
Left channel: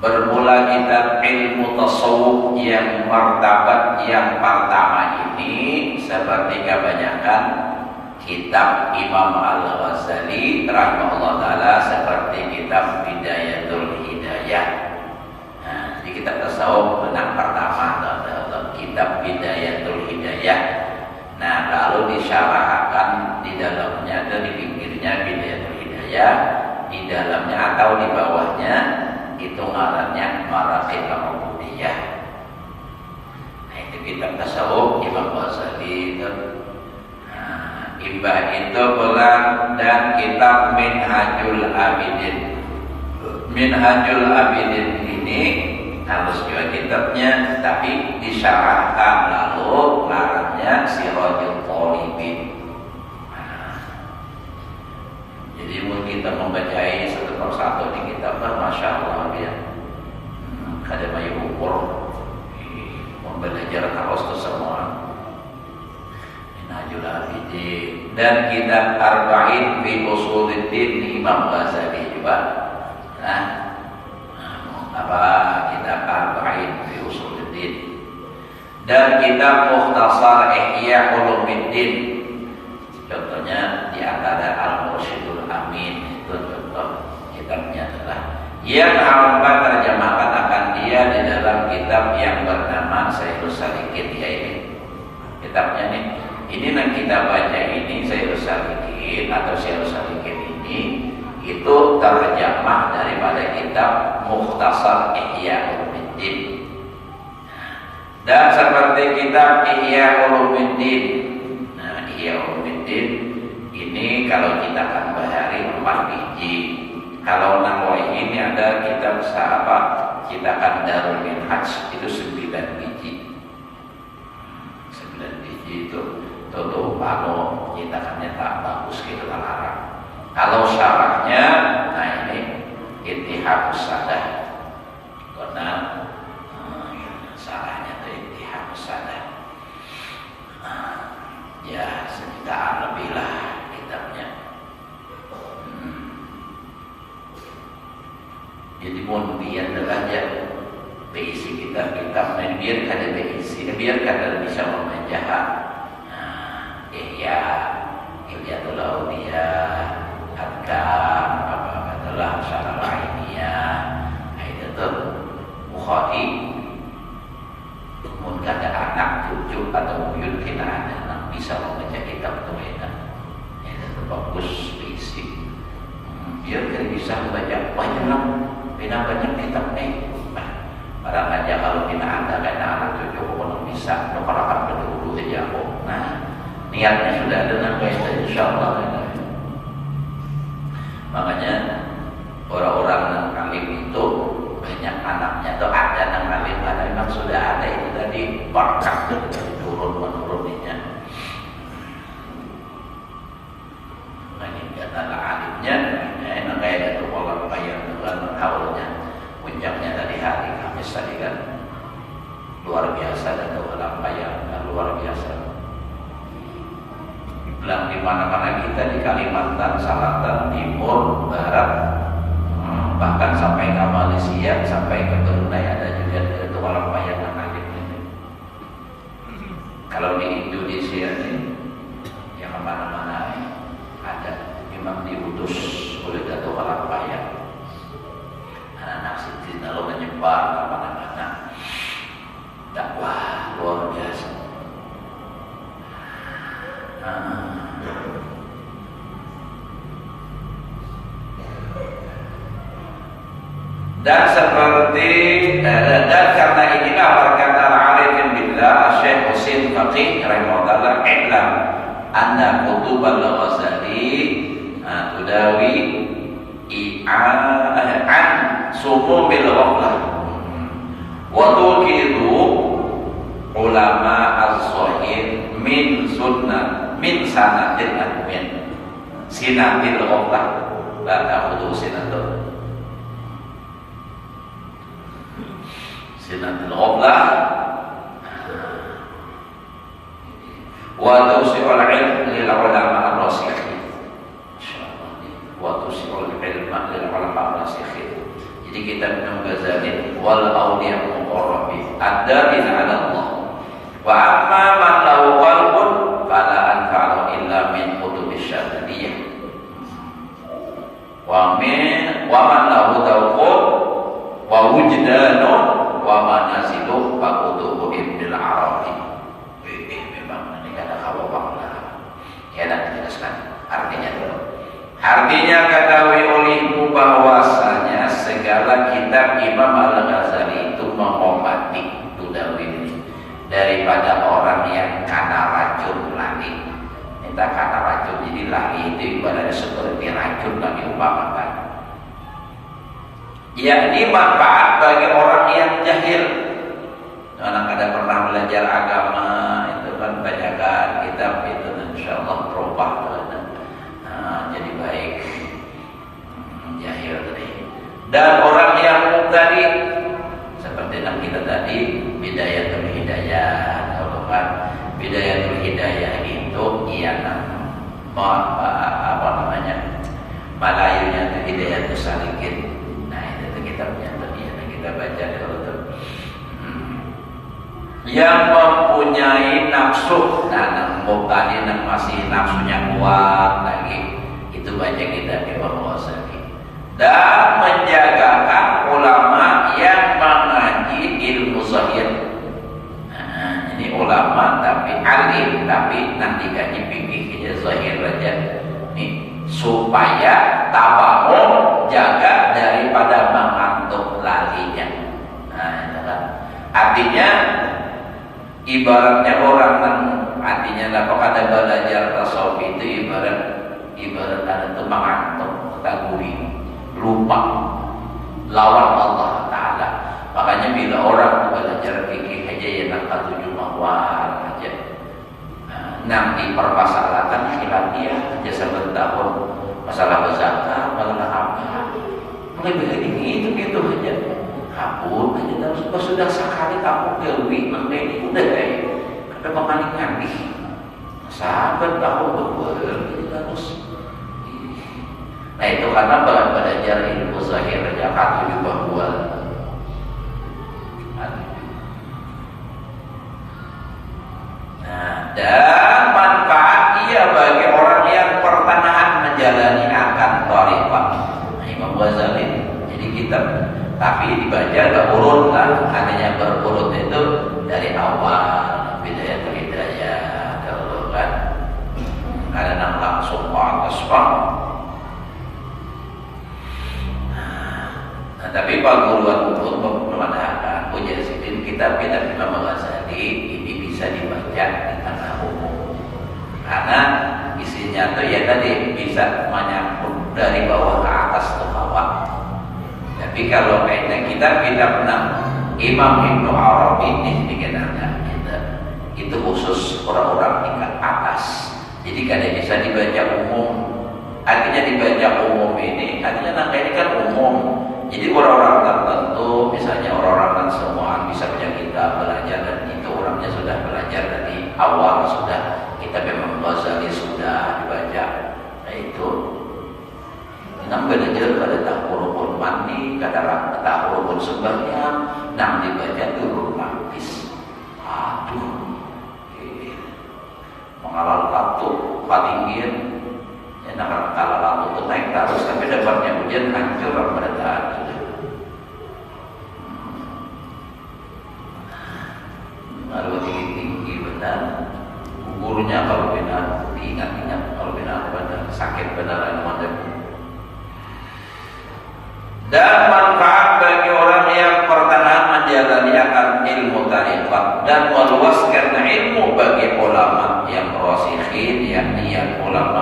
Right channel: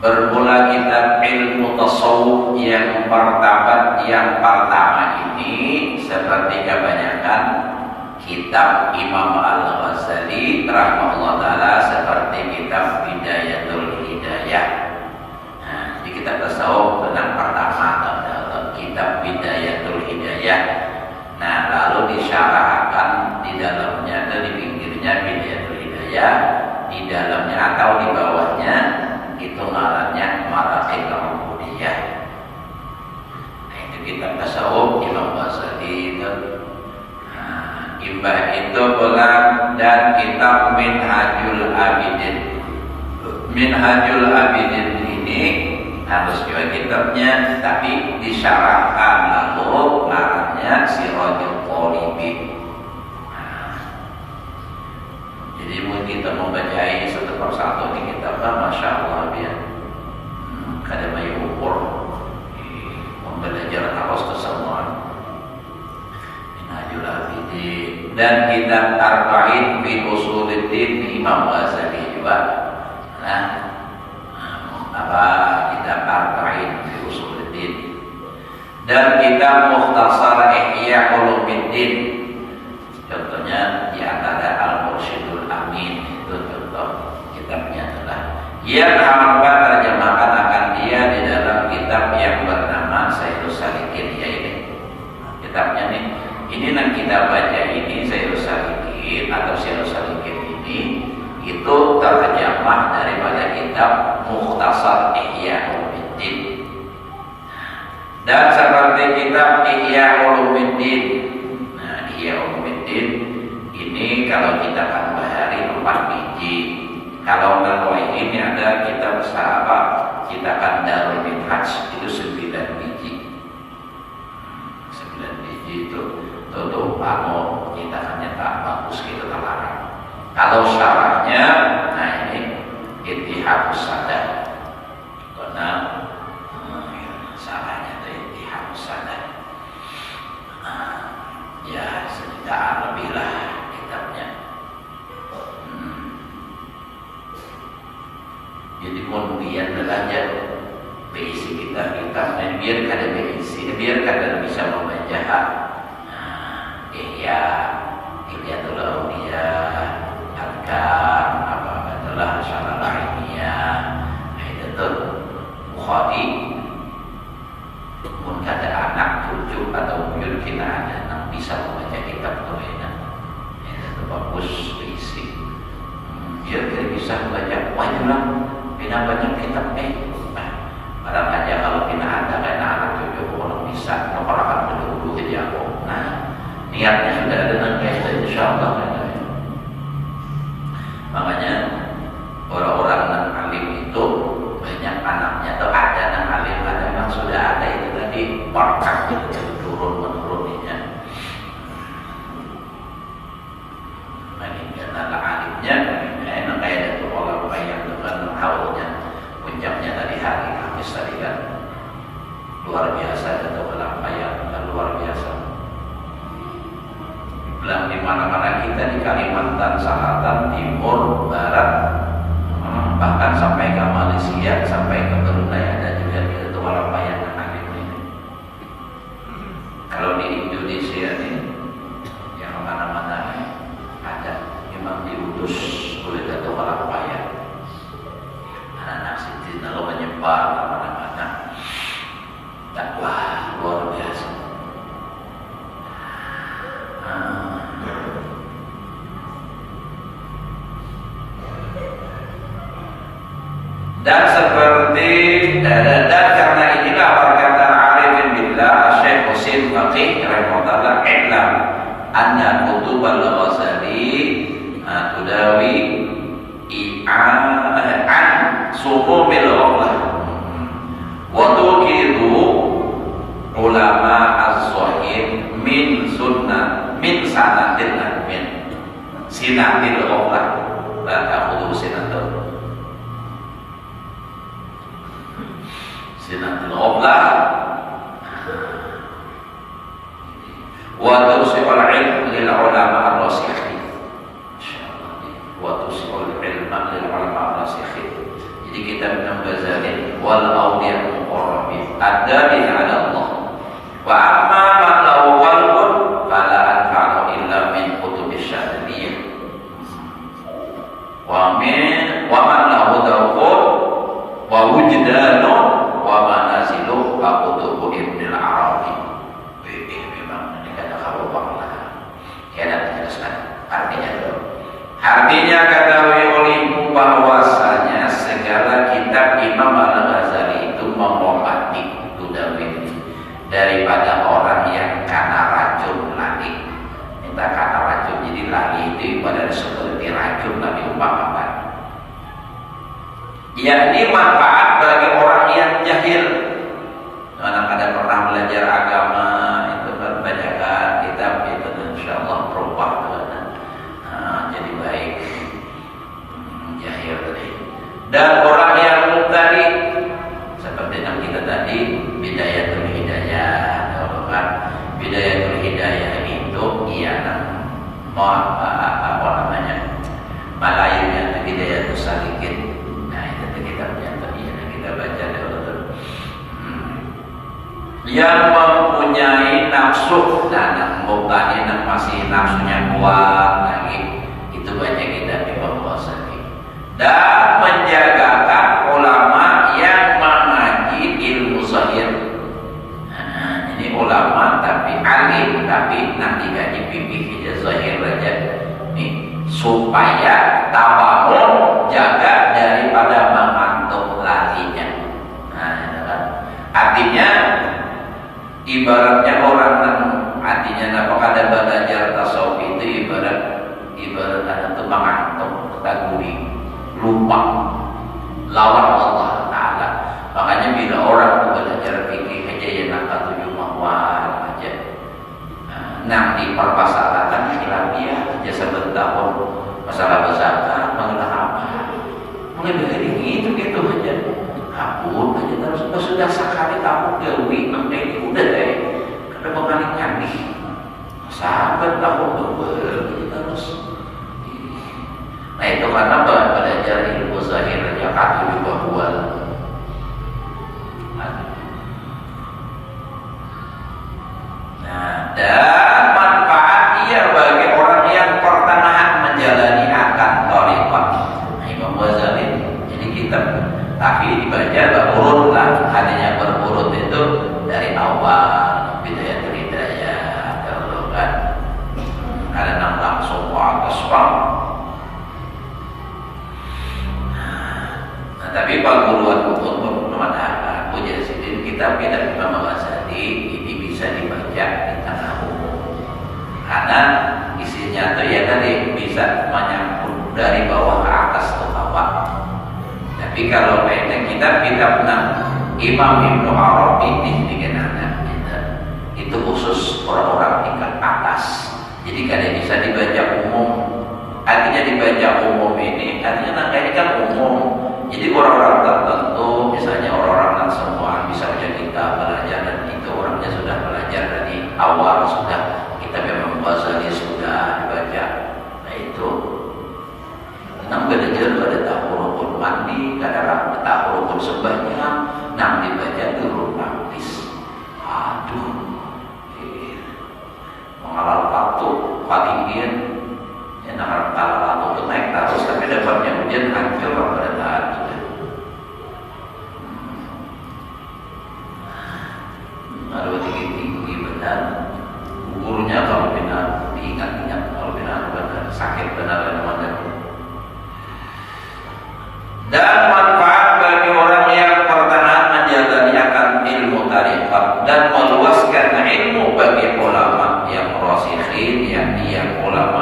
Bermula kitab ilmu tasawuf yang martabat yang pertama ini seperti kebanyakan kitab Imam Al-Ghazali rahimahullah ta'ala seperti kitab Bidayatul Hidayah. Nah, jadi kitab tasawuf tentang pertama dalam kitab Bidayatul Hidayah. Nah, lalu disyarahkan di dalamnya atau di pinggirnya Bidayatul Hidayah, di dalamnya atau di bawahnya itu ngarannya Maratib Al-Ubudiyah. Nah, itu kitab tasawuf Imam Ghazali itu. Imbah itu pula dan kitab Minhajul Abidin. Minhajul Abidin ini harus juga kitabnya, tapi disyarahkan lalu larangnya Sirajul Talibin. Jadi mungkin kita membaca ini satu persatu di kitabnya, masya Allah ya. Ada banyak ukur pembelajaran harus itu semua. Minhajul Abidin dan kitab Arba'in fi Usuluddin Imam Ghazali juga. Nah, apa kitab Arba'in fi Usuluddin dan kitab Mukhtasar Ihya Ulumuddin. Contohnya di antara Al-Mursyidul Amin itu contoh kitabnya adalah yang hamba terjemahkan akan dia di dalam kitab yang bernama Sayyidus Salikin, ya ini kitabnya nih. Ini yang kita baca ini Sayyidus Salikin atau Sayyidus Salikin ini itu terjemah daripada kitab Mukhtasar Ihya Ulumuddin. Dan seperti kitab Ihya Ulumuddin. Nah, Ihya Ulumuddin ini kalau kita tambahari 4 biji. Kalau Nawawi ini ada kitab sahabat kita kan Darul Minhaj itu 9 biji. 9 biji itu tutup bangun kita hanya tak bagus kita larang. Kalau syarahnya, nah ini Ittihadus Sadar. Karena syarahnya itu Ittihadus Sadar. Ya sejutaan lebih lah kitabnya. Jadi mohon biar belajar berisi kitab dan biar kada berisi, biar kada bisa membaca. Ihya, Hilyatul Awliya, Adkam, apa adalah Syarah Ilmiah, itu tuh Bukhari. Mungkin kata anak, cucu atau buyut kita ada yang bisa membaca kitab itu enak. Itu bagus berisi. Biar kita bisa membaca banyak, banyak kitab barang aja kalau kita ada karena anak cucu kalau bisa, kalau akan berdua aja kok. Nah, niatnya sudah ada sampai insyaallah. Makanya orang-orang yang alim itu banyak anaknya atau ada yang alim, ada memang sudah ada itu tadi berkah itu dari turun menurunnya. Bagi karena alimnya, enak kayak itu orang bayang dengan haulnya, puncaknya tadi hari Kamis tadi kan luar biasa dan pelampaian luar biasa. Bilang di mana-mana kita di Kalimantan Selatan, Timur, Barat, bahkan sampai ke Malaysia, sampai ke Brunei ada juga itu orang bayangan alim ini. Kalau di Indonesia ini, yang mana-mana ada, memang diutus oleh satu orang bayang. Anak-anak sini lalu menyebar ke mana-mana. Dakwah luar Dan seperti dan karena inilah berkata al-arifin billah Syekh Husin Faqih rahimahullah, "I'lam anna kutub al-Ghazali tudawi an sumumil ghaflah wa tuqidu ulama az-zahir min sunnah min sanatil min sinatil ghaflah la ta'khudhu sinatul ghaflah wa tusi'ul ilm lil ulama ar-rasikhin." Wa tusi'ul ilma lil ulama ar-rasikhin. Jadi kita Ghazali wal awliya muqarrabin ad-dalil 'ala Allah. Wa amma man lahu qalbun fala anfa'u illa min kutubis syadiliyah. Wa man lahu tawqud wa wujdanun wa manazilu wa kutubu Ibnul Arabi. Memang ini kata khabar lah. Ya, nanti jelaskan artinya dulu. Artinya ketahui olehmu bahwasanya segala kitab Imam Al-Ghazali itu menghormati tudawi daripada orang yang karena racun lali. Kita karena racun, jadi lali itu ibarat seperti racun lagi umpamakan. Yakni manfaat bagi orang yang jahil. Kadang-kadang pernah belajar agama itu kan banyakkan kitab itu, insyaallah berubah teman-teman. Jadi baik jahil tadi. Dan orang yang mubtadi seperti yang kita tadi bidayatul hidayah, kalau kan bidayatul hidayah itu apa namanya? Malayunya hidayatul salikin. Nah, itu kitabnya tadi yang kita baca dulu. Yang mempunyai nafsu, yang mubtadi yang masih nafsunya kuat lagi, itu baca kitab Imam Ghazali. Dan menjagakan ulama yang mengaji ilmu zahir. Ini ulama tapi alim, tapi nanti gaji fikih zahir aja. Nih, supaya tabamun jaga daripada mengantuk lalinya. Nah, itu kan. Artinya ibaratnya orang artinya apa ada belajar tasawuf itu ibarat ada tuh mengantuk, terguri, lupa lawan Allah Ta'ala. Makanya bila orang tuh belajar fikih aja ya nak 7 mawar aja. Nanti permasalahan khilafiyah aja sebentar masalah zakat, masalah apa. Mulai dari ini gitu aja. Kabur aja terus sudah sekali kamu dewi makna ini udah deh. Karena mengaling-aling. Sahabat kamu berbuat terus. Nah itu karena belajar ilmu zahir aja kaki juga buat. Nah, dan manfaat dia bagi orang yang pertengahan menjalani akan thariqah. Nah, Imam Ghazali jadi kitab tapi dibaca berurut lah, adanya berurut itu dari awal bidayatul hidayah kalau kan karena langsung ke atas bang. Nah, tapi kalau buat mengatakan ujian sidin kitab Imam Ghazali ini bisa dibaca di tengah umum karena isinya tuh ya tadi bisa menyambung dari bawah ke atas ke bawah. Tapi kalau kaitan kitab Imam Ibnu Arabi ini dikenalkan itu khusus orang-orang tingkat atas. Jadi kadang bisa dibaca umum. Artinya dibaca umum ini artinya nangka ini kan umum. Jadi orang-orang tertentu, misalnya orang-orang yang semua bisa baca kitab belajar dan itu orangnya sudah belajar dari awal sudah kitab Imam Ghazali sudah dibaca. Nah itu. Nam belajar pada tahurukun mandi, kadang tahurukun sebanyak, nam dibaca turun praktis. Aduh, mengalal waktu patinggian, ya nak kalah waktu itu naik terus, tapi dapatnya hujan hancur pada taat sudah. Lalu tinggi benar, gurunya kalau benar diingat-ingat, kalau benar sakit benar dan dan manfaat bagi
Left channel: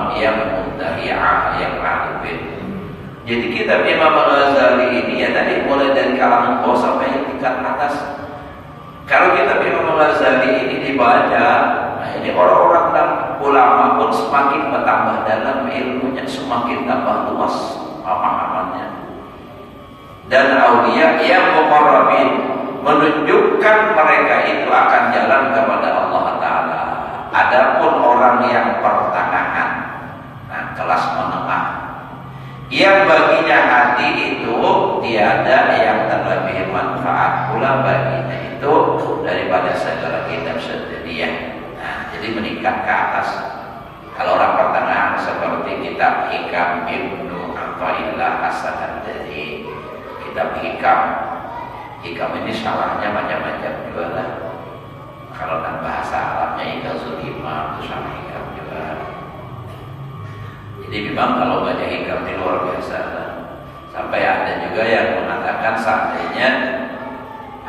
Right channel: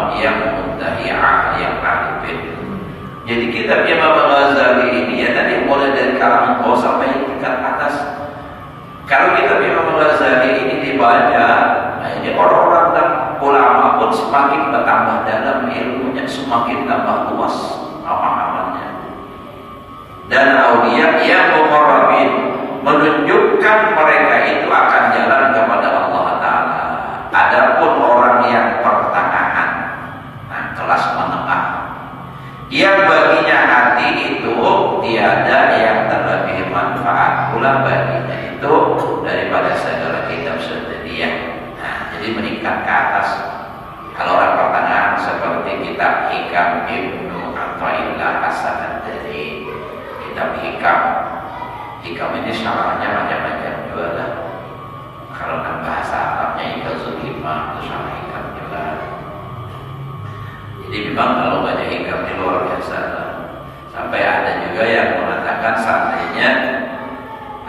orang yang mudda'i'ah, yang arifin. Jadi kitab Imam Al-Ghazali ini ya tadi mulai dari kalangan bawah sampai tingkat atas. Kalau kitab Imam Al-Ghazali ini dibaca, nah ini orang-orang dan ulama pun semakin bertambah dalam ilmunya, semakin tambah luas pemahamannya. Dan aulia yang muqarrabin menunjukkan mereka itu akan jalan kepada Allah Ta'ala. Adapun orang yang pertengahan, nah kelas menengah, yang baginya hati itu tiada yang terlebih manfaat pula baginya itu daripada segala kitab sedunia. Nah, jadi meningkat ke atas. Kalau orang pertengahan seperti kitab Hikam Ibnu Athaillah As-Sakandari, kitab Hikam. Hikam ini syarahnya macam-macam juga lah. Kalau dalam bahasa Arabnya Igazul Hikmah itu syarah Hikam juga. Jadi memang kalau baca Hikam ini luar biasa lah. Sampai ada juga yang mengatakan seandainya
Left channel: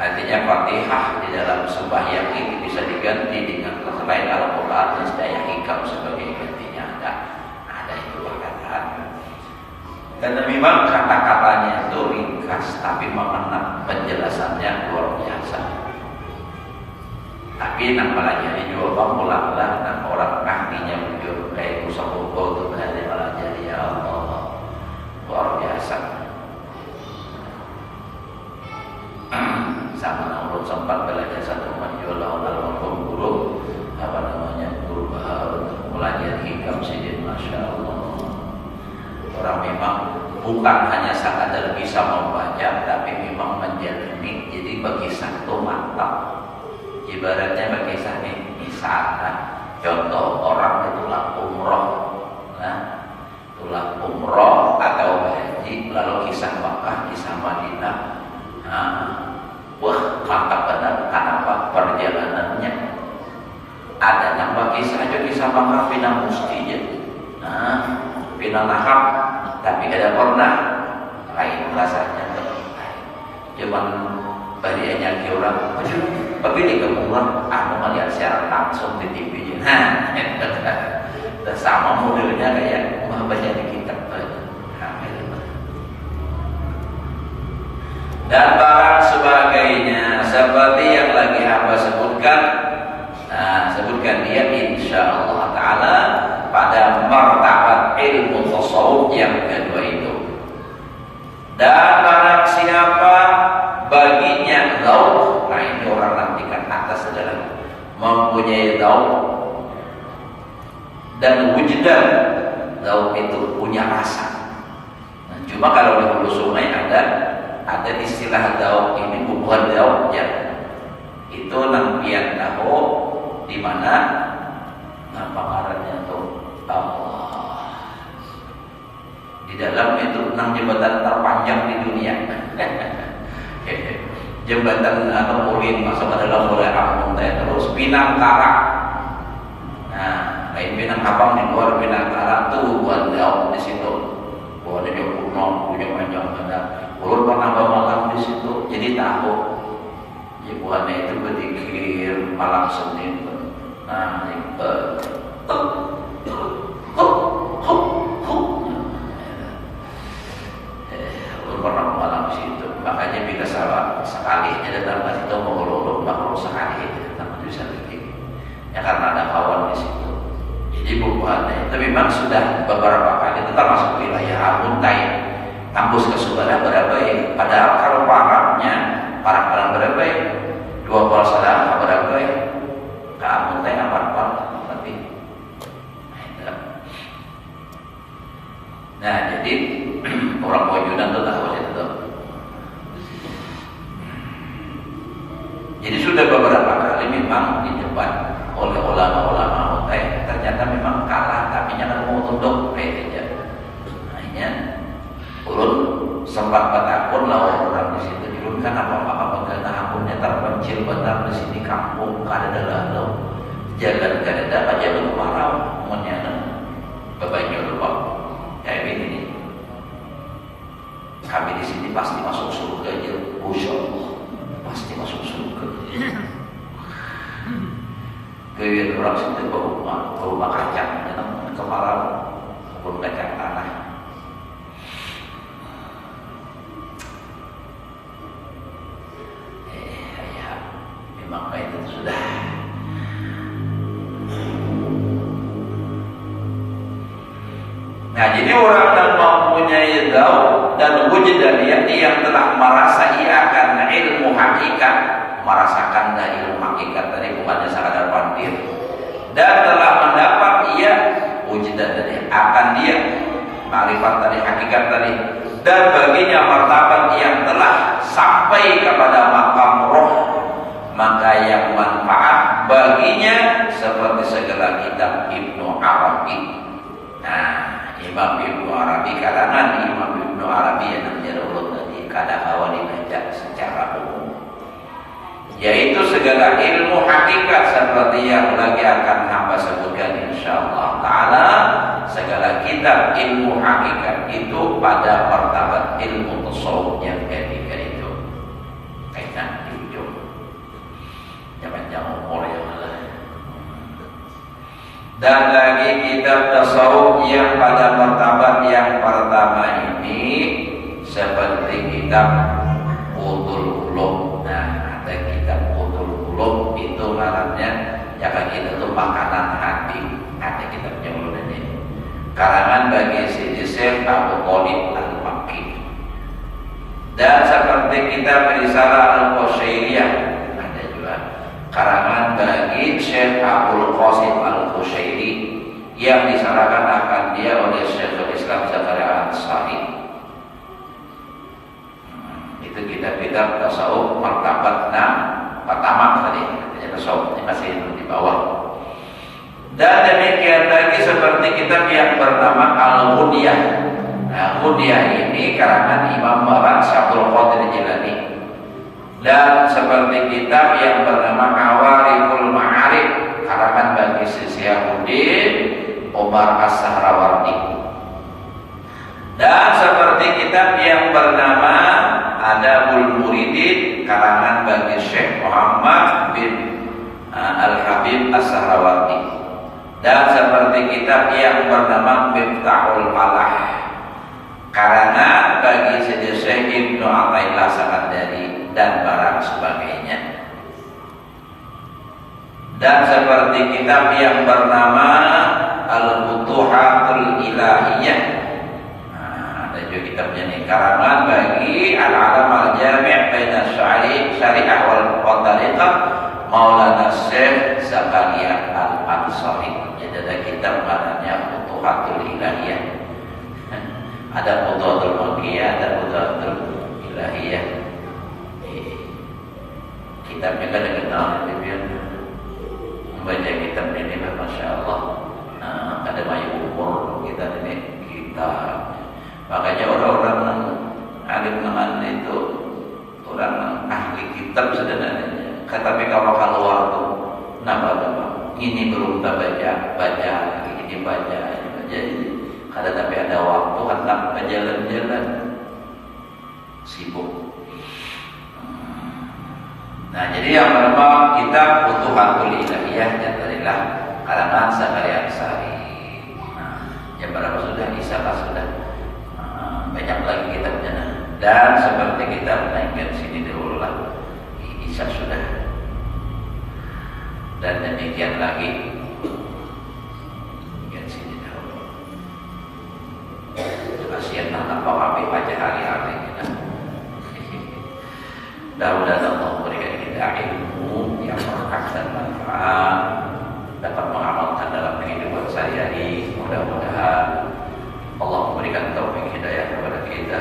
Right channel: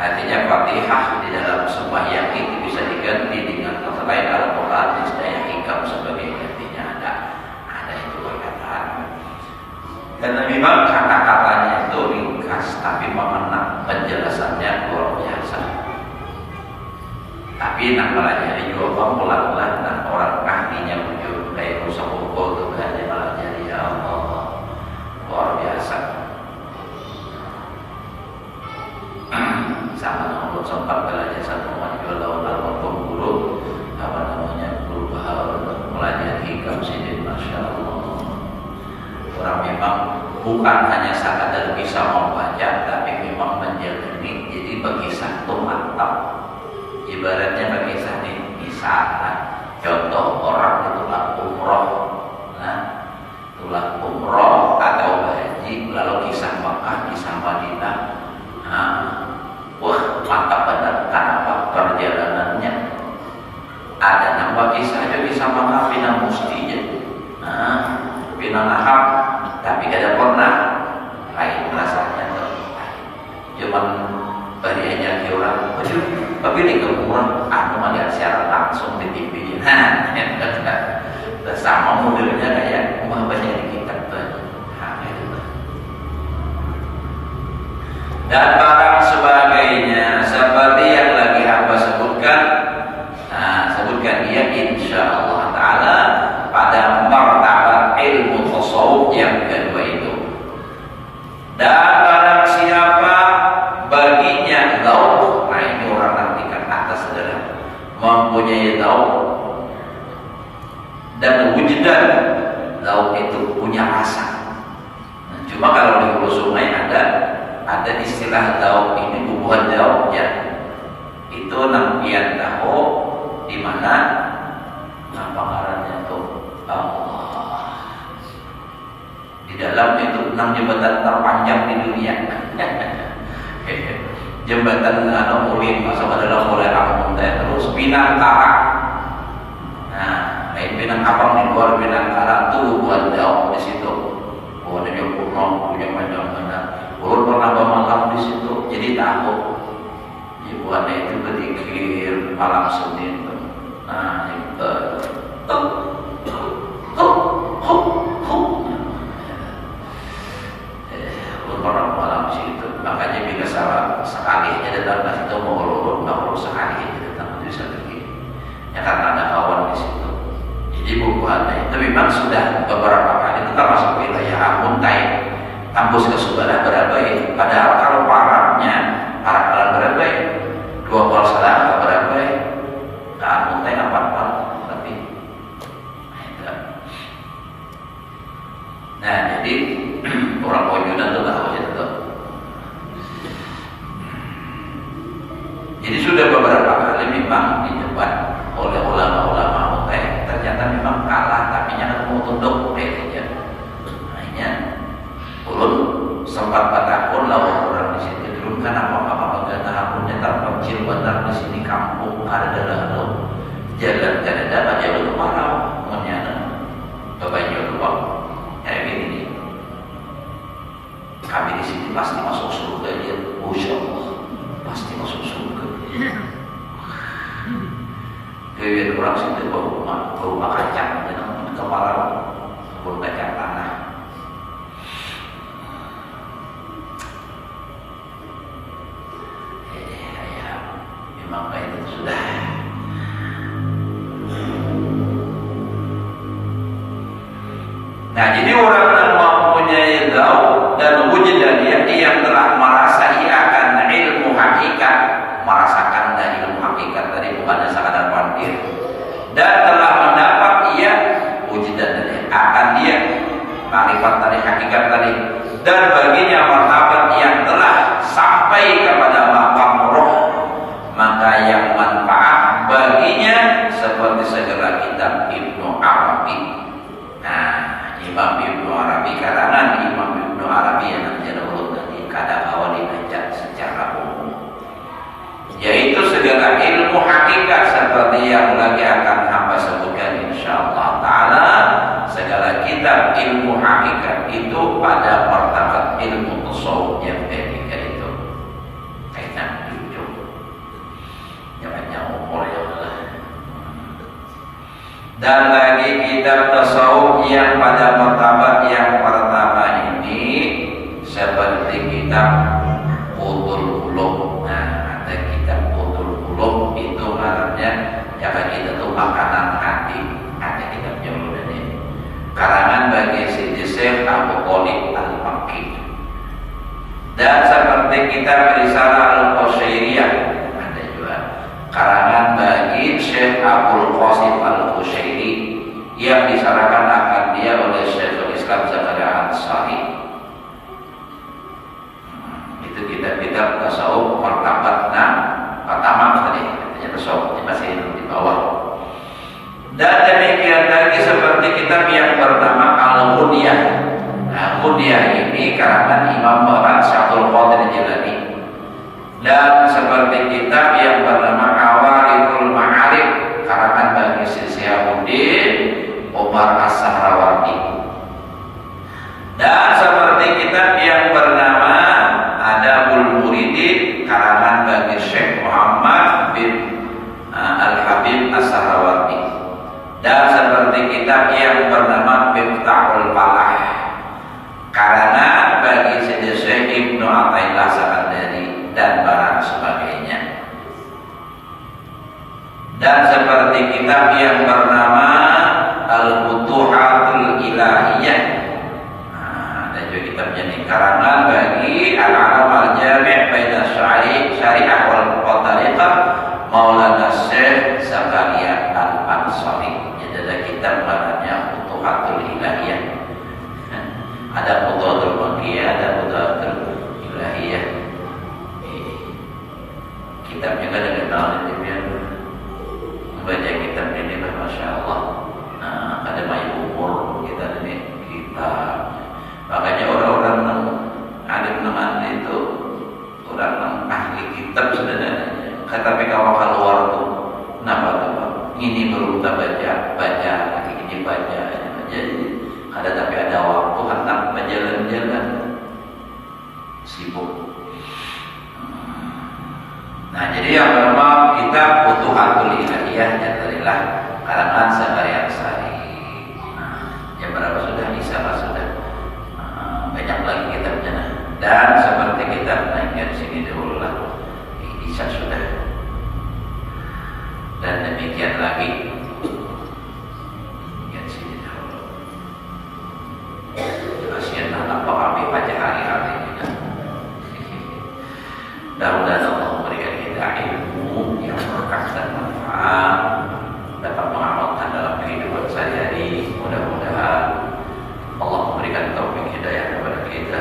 artinya Fatihah di dalam sembahyang itu bisa diganti dengan selain Al-Quran, niscaya Hikam sebagai gantinya ada itu perkataan. Dan memang kata-katanya itu ringkas tapi mengena, penjelasannya luar biasa. Tapi nak pelajari juga ulang-ulang dan orang ahlinya muncul kayak rusak pukul itu dari pelajari, ya Allah luar biasa. Sama namun sempat belajar satu majulah almarhum guru guru Bahar belajar Hikam Sidin, masya Allah. Orang memang bukan hanya sekadar bisa membaca tapi memang menjalani. Jadi bagi satu mantap. Ibaratnya bagi saya misalkan contoh orang itulah umroh, itulah umroh atau haji lalu kisah Makkah, kisah Madinah, wah mantap benar. Kenapa? Perjalanannya ada nambah kisah aja, kisah Makkah pinang mustinya, pinang nahab, tapi kada pernah lain rasanya tuh. Cuman bariannya orang tapi ini kemudian melihat secara langsung di TV. Nah, sama modelnya kayak banyak di kitab. Dan barang sebagainya seperti yang lagi hamba sebutkan. Nah, sebutkan dia insya Allah Ta'ala pada martabat ilmu tasawuf yang kedua itu. Dan barang siapa baginya dzauq, nah ini orang nanti kan atas adalah mempunyai dzauq dan wujdan. Dzauq itu punya rasa. Nah, cuma kalau di hulu sungai ada istilah dzauq ini bukan dzauq ya. Itu nampian tahu di mana ngarannya itu Allah. Di dalam itu 6 jembatan terpanjang di dunia. Jembatan Ulin masuk adalah mulai kampung terus Pinang Karak. Nah, lain Pinang Kapang di luar Pinang Karak tuh buat jauh di situ. Buat dia kuno punya panjang benar. Ulun pernah bermalam di situ, jadi tahu. Ibuannya itu berzikir malam Senin. Nah, itu orang malam situ, makanya bila sekali aja datang ke situ mau lulus, nggak perlu sekali aja datang bisa pergi. Ya karena ada kawan di situ. Jadi bukuannya itu memang sudah beberapa kali itu termasuk wilayah Muntai, kampus ke Subana Barabai. Padahal kalau parahnya para Barabai, 2 kali salah Barabai, ke Muntai 4 kali tapi. Nah jadi orang Pojudan itu tahu itu. Jadi sudah beberapa kali memang didebat oleh ulama-ulama Muntai, ternyata memang kalah, tapi nyata mau tunduk aja. Akhirnya ulun sempat bertakun lawan orang di situ. Dulu kan apa-apa negara akunnya terpencil benar di sini kampung ada dalam jalan kada ada jalur marau munyana bebanyo luang kayak gini. Kami di sini pasti masuk surga aja, Insya Allah pasti masuk surga. Kemudian orang situ berumah kacang, kepala Nah, jadi orang yang mempunyai dzauq dan wujudan yang telah merasa ia akan ilmu hakikat, merasakan ilmu hakikat tadi bukannya sekadar pandai, dan telah mendapat ia wujudan tadi akan dia ma'rifat tadi hakikat tadi, dan baginya martabat yang telah sampai kepada maqam roh, maka yang manfaat baginya seperti segala kitab Ibnu Arabi. Nah, Imam Ibnu Arabi, karangan Imam Ibnu Arabi yang najalullah tadi kadang-kadang dibaca secara umum, yaitu segala ilmu hakikat seperti yang lagi akan hamba sebutkan insyaallah taala. Segala kitab ilmu hakikat itu pada martabat ilmu tasawuf yang ketiga itu kaitan itu jangan umur yang dan lagi kitab tasawuf yang pada martabat yang pertama ini seperti kitab Utul Qulub. Nah, ada kitab Utul Qulub itu ngarannya jangan kita tuh makanan hati, ada kitab jauh ini karangan bagi Sidi Syekh Abu Thalib Al-Makki. Dan seperti kitab Risalah Al-Qusyairiyah ada juga karangan bagi Syekh Abdul Qasim Al-Qusyairi yang disarankan akan dia oleh Syekhul Islam Zakaria Al-Ansari. Itu kitab-kitab tasawuf martabat pertama tadi, tasawuf masih di bawah. Dan demikian lagi seperti kitab yang bernama Al-Ghunyah. Nah, Ghunyah ini karangan Imam Barak Syabdul Qadir Jilani. Dan seperti kitab yang bernama Awariful Ma'arif karangan bagi Syihabuddin Umar As-Sahrawardi. Dan seperti kitab yang bernama Adabul Muridin karangan bagi Syekh Muhammad bin Al-Habib As-Sahrawardi. Dan seperti kitab yang bernama Miftahul Falah karangan bagi Syekh Ibnu Athaillah Sakandari dan barang sebagainya. Dan seperti kitab yang bernama Al-Futuhatul Ilahiyah. Nah, ada juga kitabnya nih karangan bagi Al-Alam Al-Jami' Baina Syariah wal Tariqah Maulana Syekh Zakaria Al-Ansari. Jadi ada kitab namanya Futuhatul Ilahiyah. Ada Futuhatul Makkiyah, ada Futuhatul Ilahiyah. Kitabnya kan dikenal di membaca kitab ini, masya Allah. Nah, ada banyak umur kita ini kita. Makanya orang-orang alim teman itu orang ahli kitab sebenarnya. Tetapi kalau keluar tuh, kenapa? Ini belum kita baca, ini baca. Jadi ada tapi ada waktu hendak berjalan-jalan sibuk. Nah, jadi yang pertama kita Futuhatul Ilahiyah yang darilah karangan Zakaria Ansari. Nah, yang berapa sudah Isyarat sudah banyak lagi kitabnya. Dan seperti kita naikkan sini dulu lah. Isya sudah. Dan demikian lagi lihat sini dahulu. Kasihanlah nampak kami pada hari-hari kita. Mudah-mudahan Allah memberikan kita ilmu yang berkah dan manfaat, dapat mengamalkan dalam kehidupan sehari-hari. Mudah-mudahan Allah memberikan taufik hidayah kepada kita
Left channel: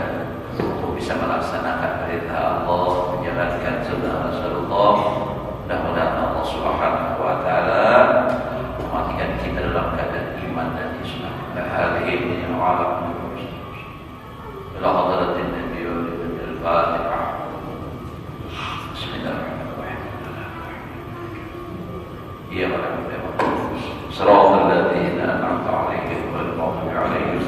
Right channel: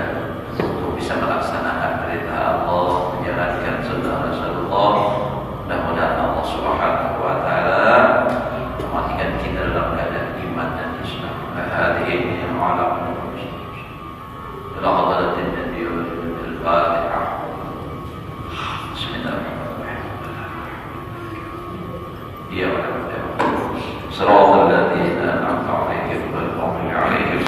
untuk bisa melaksanakan perintah Allah, menjalankan sunnah Rasulullah. Mudah-mudahan Allah Subhanahu wa taala mematikan kita dalam keadaan iman dan Islam. Hadirin yang alam ila hadratin Nabi al-Fatihah. Bismillahirrahmanirrahim. Ya Allah.